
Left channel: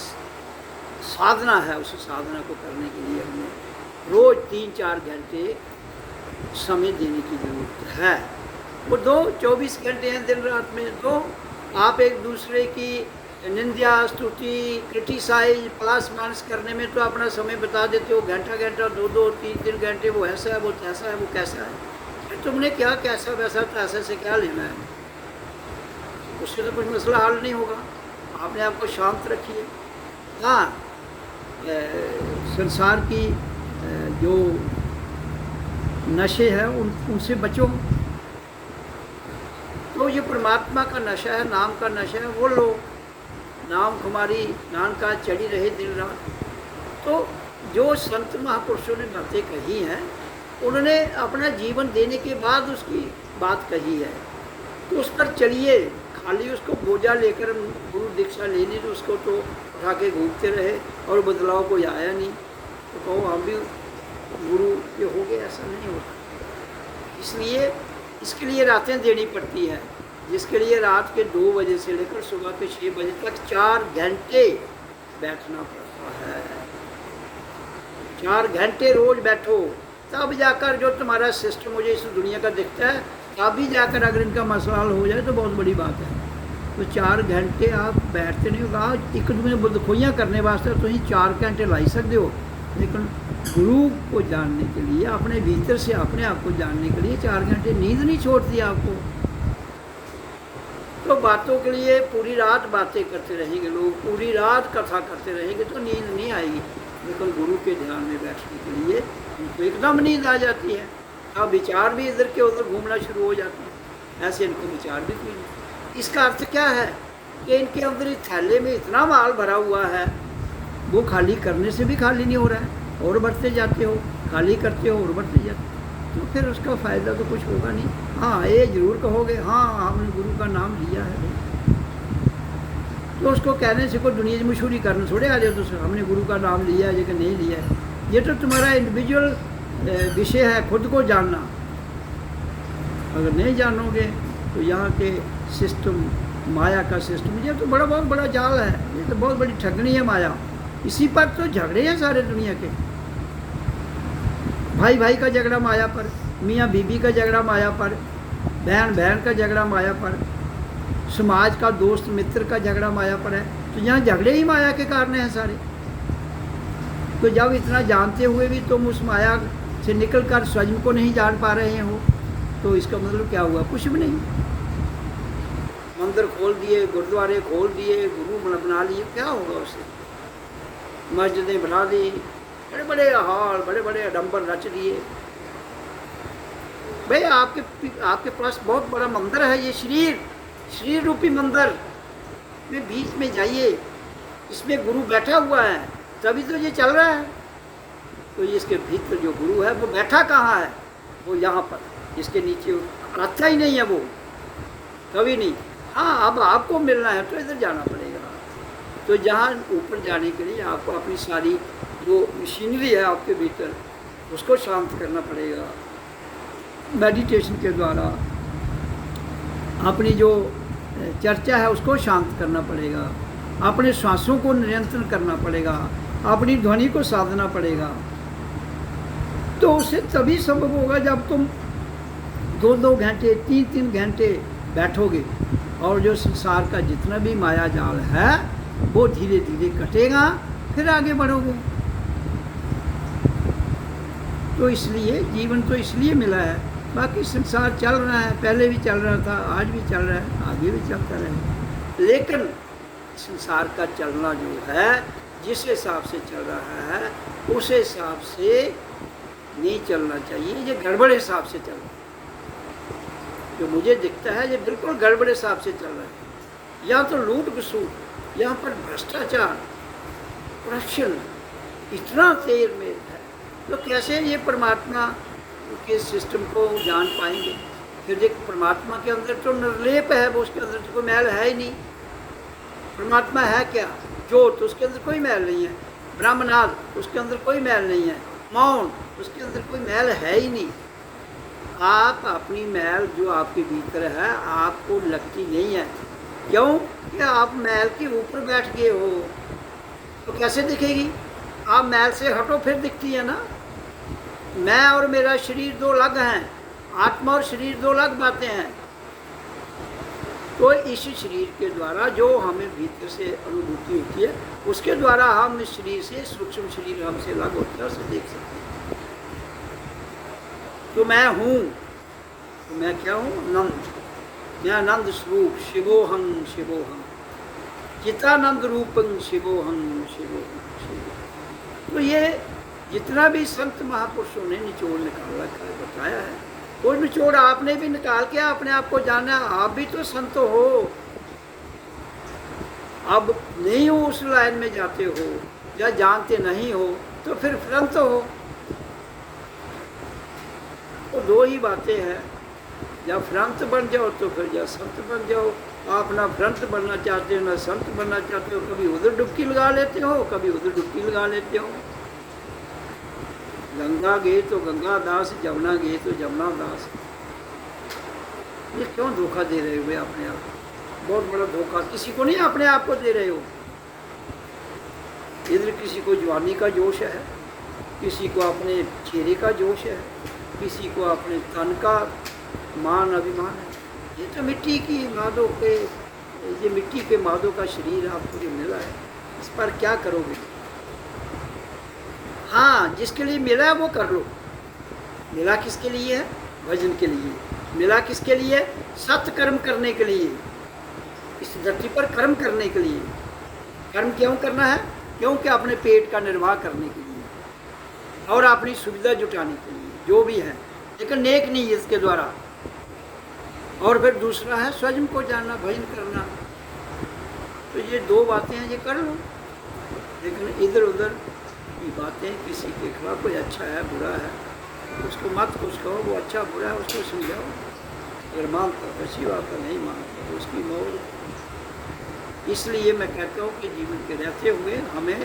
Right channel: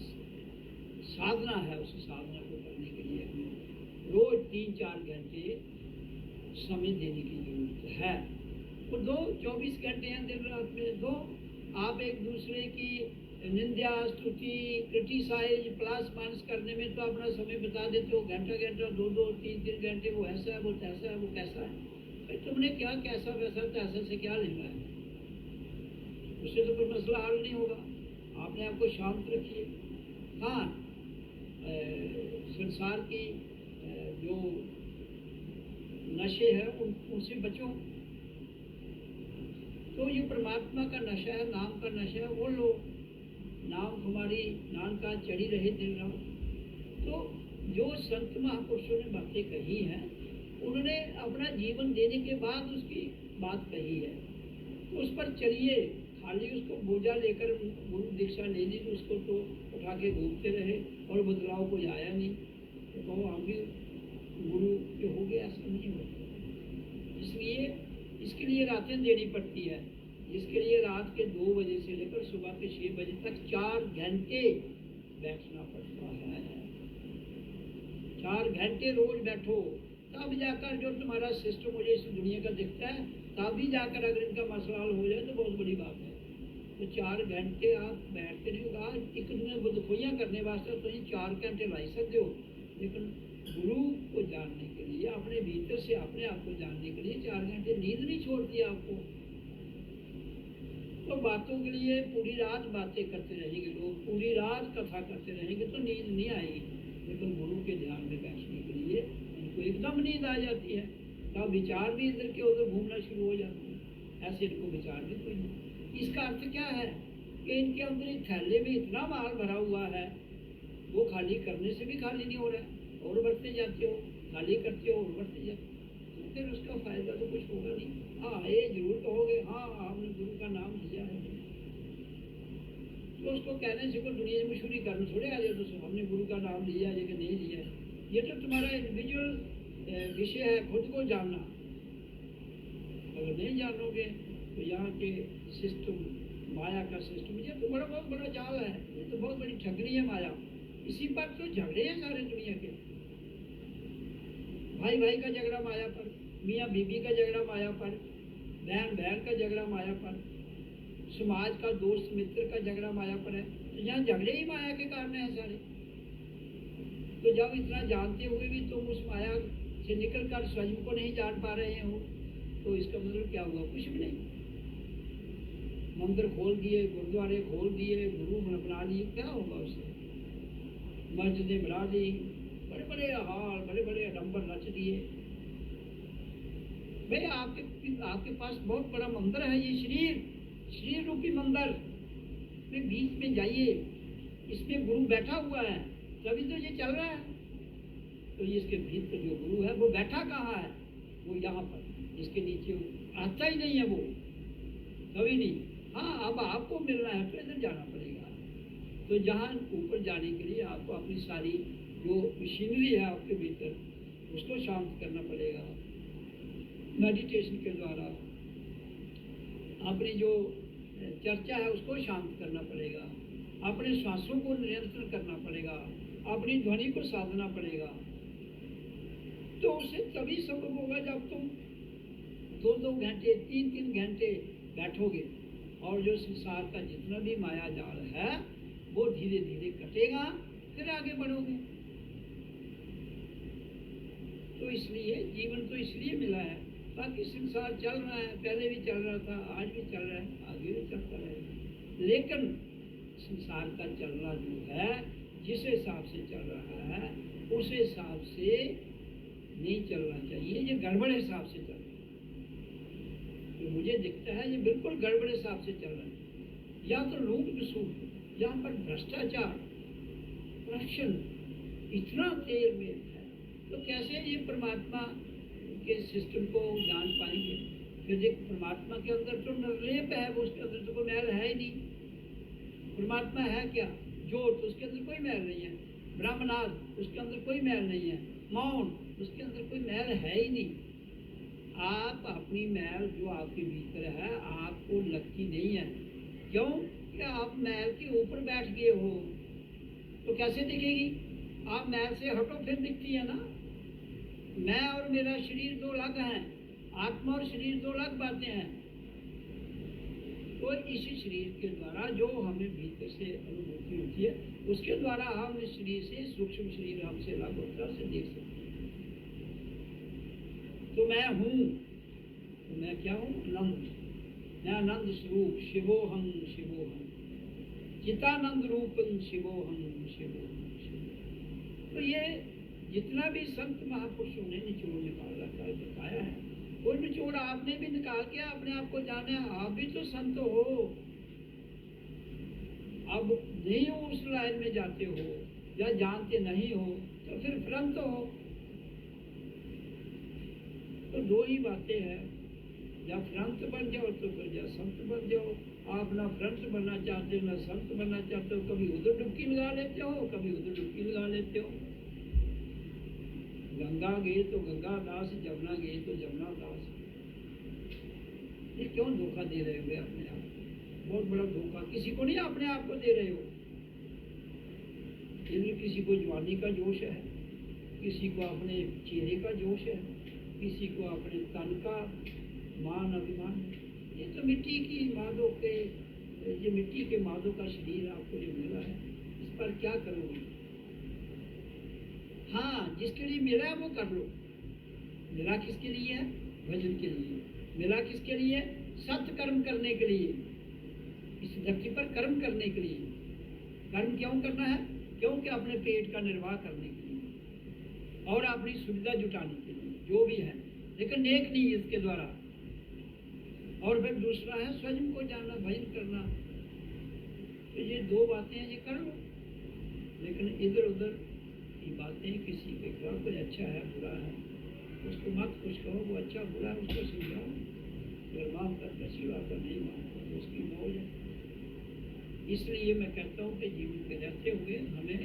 साधना है। उस साधना को करने के लिए हमें रोज़ 3-4 घंटे समय देने की ज़रूरत है। वो दो 24 घंटे हैं दिन रात में, दो। आप एक दूसरे की निंदा, स्तुति, क्रिटिसाइज, प्लस माइनस करने में तो अपना समय बता देते हो, घंटा घंटा, 2-2, 3-3 घंटे, वो ऐसा है, वो कैसा है, वो कैसा है। फिर तुमने क्या कैसा वैसा पैसे से क्या लेना है? उससे तो कुछ मसला हल नहीं होगा। आपने आपको शांत रखिए। हाँ, संसार की जो नशे हैं उनसे बचो। तो ये परमात्मा का नशा है, नाम का नशा है, वो लो। नाम कुमारी नानका चढ़ी रहे दिन रात। तो जो संत महापुरुषों ने बातें कही हैं, उन्होंने अपना जीवन देने के बाद उसकी बात कही है, तो उस पर चलिए। खाली उसको बोझा लेकर गुरु दीक्षा लेनी, तो उसको तो उठा के घूमते रहे और बदलाव कोई आया नहीं, तो कहो हम भी गुरु के हो गए, ऐसा नहीं होता। इसलिए इसके लिए रातें देनी पड़ती है, जिसके लिए रात के 2 बजे से लेकर सुबह के 6 बजे तक 4 घंटे बैठना पड़ता है। 4 घंटे रोज बैठो, तब जाकर जो तुम्हारा सिस्टम मुझे इस दुनिया का दिखता है, तभी जाकर अगर इनका मसला हल हो जाए तो बहुत बड़ी बात है। तो 4 घंटे आप बैठते नहीं होगा। एक दूसरे बुदखोइयाँ करने वास्ते तो ही 4 घंटे लाई सकते हो, लेकिन गुरु को जानने के लिए, अपने भीतर से अपने आप को जानने के लिए 4 घंटे नींद नहीं छोड़ती आपको। तो बातों के लिए पूरी रात बातें करते रहेंगे लोग, पूरी रात कथा करते रहेंगे तो नींद नहीं आएगी, लेकिन गुरु के ध्यान में बैठने के लिए उनको एकदम नींद आ जाती है। अब विचार भी इधर के उधर घूमना शुरू हो जाते हैं, ऐसे इनको विचार भी कोई नहीं। इसका अर्थ क्या है कि इनके अंदर इस थैले में इतना माल भरा हुआ है, वो खाली करने से भी खाली नहीं हो रहा है, और बढ़ते जाते हो, खाली करते हो और बढ़ते जाते हो, तो फिर उसका फ़ायदा तो कुछ होगा नहीं। हाँ, ये जरूर कहोगे हाँ हमने गुरु का नाम लिया है, तो उसको कहने से कोई दुनिया में मशहूरी करने थोड़े आ जाए तो हमने गुरु का नाम लिया है या नहीं लिया है। ये तो तुम्हारा इंडिविजुअल विषय है, खुद को जानना। अगर नहीं जानोगे तो यहाँ के सिस्टम, माया का सिस्टम, ये तो बहुत बड़ा जाल है, ये तो बहुत बड़ी ठगनी है माया। इसी पर तो झगड़े हैं सारे दुनिया के। भाई भाई का झगड़ा माया पर, मियाँ बीबी का झगड़ा माया पर, बहन बहन का झगड़ा माया पर, समाज का दोस्त मित्र का झगड़ा माया पर है। तो यहाँ झगड़े ही माया के कारण हैं सारे। तो जब इतना जानते हुए भी तुम उस माया से निकलकर स्वयं को नहीं जान पा रहे हो, तो इसका मतलब क्या हुआ? कुछ भी नहीं। मंदिर खोल दिए, गुरुद्वारे खोल दिए, गुरु बना लिए, क्या होगा उससे? मस्जिदें बना दी, बड़े बड़े हॉल, बड़े बड़े आडम्बर रच दिए। भाई आपके पास बहुत बड़ा मंदिर है, ये शरीर रूपी मंदिर में बीच में जाइए, इसमें गुरु बैठा हुआ है, तभी तो ये चल रहा है। तो इसके भीतर जो गुरु है वो बैठा कहाँ है? वो यहाँ पर, इसके नीचे अच्छा ही नहीं है वो, कभी नहीं। हाँ, अब आपको मिलना है तो इधर जाना पड़ेगा। तो जहाँ ऊपर जाने के लिए आपको अपनी सारी जो मशीनरी है आपके भीतर, उसको शांत करना पड़ेगा मेडिटेशन के द्वारा। अपनी जो चर्चा है उसको शांत करना पड़ेगा, अपने श्वासों को नियंत्रण करना पड़ेगा, अपनी ध्वनि को साधना पड़ेगा। तो उससे तभी संभव होगा जब तुम 2-2 घंटे, 3-3 घंटे बैठोगे, और जो संसार का जितना भी माया जाल है वो धीरे धीरे कटेगा, फिर आगे बढ़ोगे। तो इसलिए जीवन तो इसलिए मिला है, बाकी संसार चल रहा है, पहले भी चल रहा था, आज भी चल रहा है, आगे भी चलता रहेगा। लेकिन संसार का चलना जो है, जिस हिसाब से चल रहा है उस हिसाब से नहीं चलना चाहिए, ये गड़बड़ हिसाब से चल रहा है। जो मुझे दिखता है ये बिल्कुल गड़बड़ हिसाब से चल रहा है। या तो लूट खसूट, यहाँ पर भ्रष्टाचार, करप्शन इतना तेज में है, तो कैसे ये परमात्मा के सिस्टम को जान पाएंगे? फिर देख, परमात्मा के अंदर तो निर्लेप है, वो उसके अंदर तो कोई मैल है ही नहीं। परमात्मा है क्या? ज्योत, उसके अंदर कोई मैल नहीं है। ब्रह्मनाद, उसके अंदर कोई मैल नहीं है। मौन, उसके अंदर कोई मैल है ही नहीं। आप अपनी मैल जो आपके भीतर है आपको लगती नहीं है। क्यों? कि आप मैल के ऊपर बैठ गए हो, तो कैसे दिखेगी? आप मैल से हटो फिर दिखती है ना। मैं और मेरा शरीर दो अलग हैं, आत्मा और शरीर दो अलग बातें हैं। तो इस शरीर के द्वारा जो हमें भीतर से अनुभूति होती है, उसके द्वारा हम इस शरीर से, सूक्ष्म शरीर हमसे अलग होता है, उसे देख सकते हैं। तो मैं हूँ, तो मैं क्या हूँ? आनंद। मैं आनंद स्वरूप, शिवोहम शिवोहम, चितानंद रूपं शिवोहम शिवोहम शिवोहम। तो ये जितना भी संत महापुरुषों ने निचोड़ निकाल रखा है, बताया है, वो निचोड़ आपने भी निकाल के अपने आप को जाना। आप भी तो संत हो, अब नहीं हो उस लाइन में जाते हो या जानते नहीं हो, तो फिर फ्रंत हो। तो दो ही बातें हैं, या फ्रंत बन जाओ तो फिर या संत बन जाओ। आप ना फ्रंट बनना चाहते हो ना संत बनना चाहते हो, कभी उधर डुबकी लगा लेते हो, कभी उधर डुबकी लगा लेते हो। गंगा गए तो गंगा दास, जमुना गए तो जमुना दास। ये क्यों धोखा दे रहे हो अपने आप? बहुत बड़ा धोखा। किसी को नहीं, अपने आप को दे रहे हो। इधर किसी को जवानी का जोश है, किसी को अपने चेहरे का जोश है, किसी को अपने तन का मान अभिमान है। ये तो मिट्टी की मादों के, ये मिट्टी के मादों का शरीर आपको जो मिला है, इस पर क्या करोगे? हाँ, जिसके लिए मिला है वो कर लो। मिला किसके लिए है? भजन के लिए। मिला किसके लिए? सत्य कर्म करने के लिए, इस धरती पर कर्म करने के लिए। कर्म क्यों करना है? क्योंकि अपने पेट का निर्वाह करने के लिए और अपनी सुविधा जुटाने के लिए, जो भी है, लेकिन नेक नहीं है इसके द्वारा। और फिर दूसरा है स्वयं को जानना, भजन करना। तो ये दो बातें हैं, ये कर लो। लेकिन इधर उधर की बातें, किसी के खिलाफ, कोई अच्छा है बुरा है, उसको मत कुछ कहो, वो अच्छा बुरा है उसको समझाओ। अगर मानता तो अच्छी बात है, नहीं मानता तो उसकी मौज। इसलिए मैं कहता हूँ कि जीवन के रहते हुए हमें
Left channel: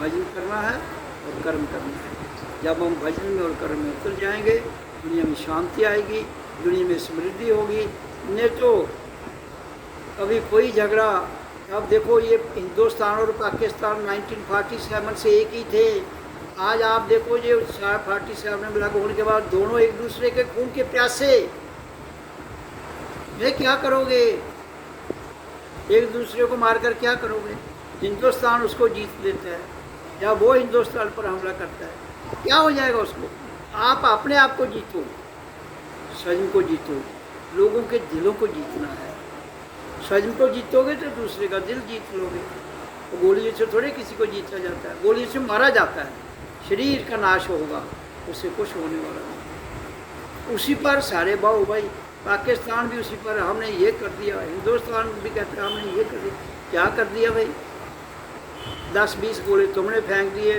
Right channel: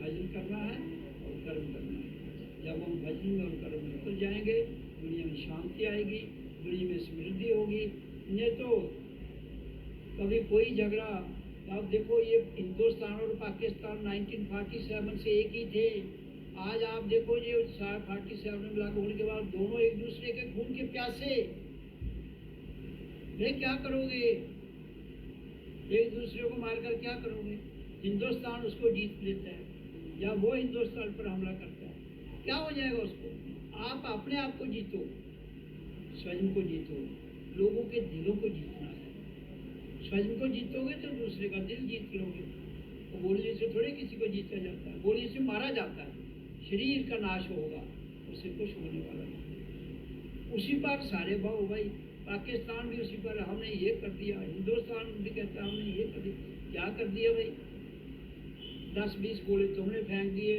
भजन करना है और कर्म करना है। जब हम भजन में और कर्म में उतर जाएंगे, दुनिया में शांति आएगी, दुनिया में समृद्धि होगी। नहीं तो कभी कोई झगड़ा, अब देखो ये हिंदुस्तान और पाकिस्तान 1947 से एक ही थे। आज आप देखो ये 47 में लागू होने के बाद दोनों एक दूसरे के खून के प्यासे। ये क्या करोगे? एक दूसरे को मारकर क्या करोगे? हिंदुस्तान उसको जीत लेता है या वो हिंदुस्तान पर हमला करता है, क्या हो जाएगा उसको? आप अपने आप को जीतो, स्वयं को जीतो, लोगों के दिलों को जीतना है। स्वयं को जीतोगे तो दूसरे का दिल जीत लोगे। तो गोली से थोड़े किसी को जीता जाता है, गोली से मारा जाता है। शरीर का नाश होगा, उससे कुछ होने वाला नहीं। उसी पर सारे बाहु भाई, पाकिस्तान भी उसी पर, हमने ये कर दिया, हिंदुस्तान भी कहते हैं हमने ये कर दिया। क्या कर दिया भाई? 10-20 गोले तुमने फेंक दिए,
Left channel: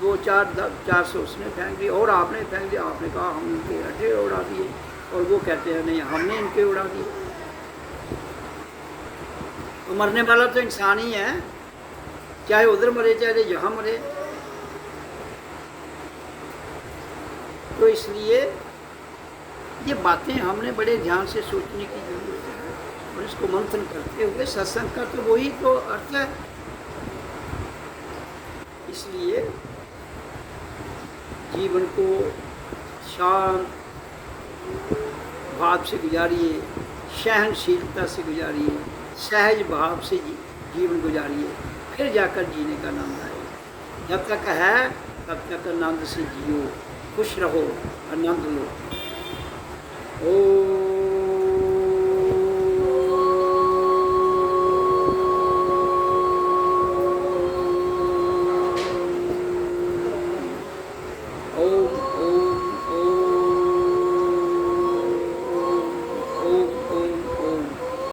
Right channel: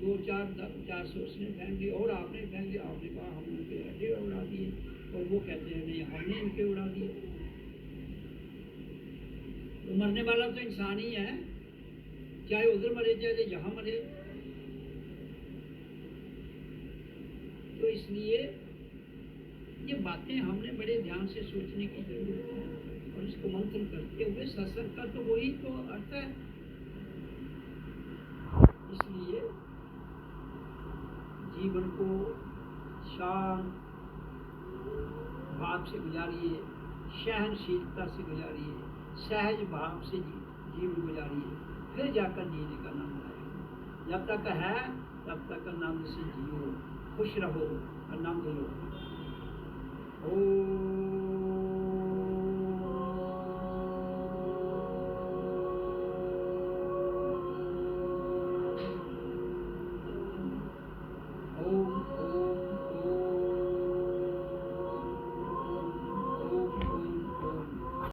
2-400 उसने फेंक दिए और आपने फेंक दिया। आपने कहा हम इनके अड्डे उड़ा दिए, और वो कहते हैं नहीं हमने इनके उड़ा दिए। तो मरने वाला तो इंसान ही है, चाहे उधर मरे चाहे यहाँ मरे। तो इसलिए ये बातें हमने बड़े ध्यान से सोचने की जरूरत है, और इसको मंथन करते हुए, सत्संग का तो वही तो अर्थ है। इसलिए जीवन को शांत भाव से गुजारिए, सहनशीलता से गुजारिए, सहज भाव से जीवन गुजारिए, फिर जाकर जीने का आनंद आएगा। जब तक है तब तक आनंद से जियो, खुश रहो, आनंद लो। ओ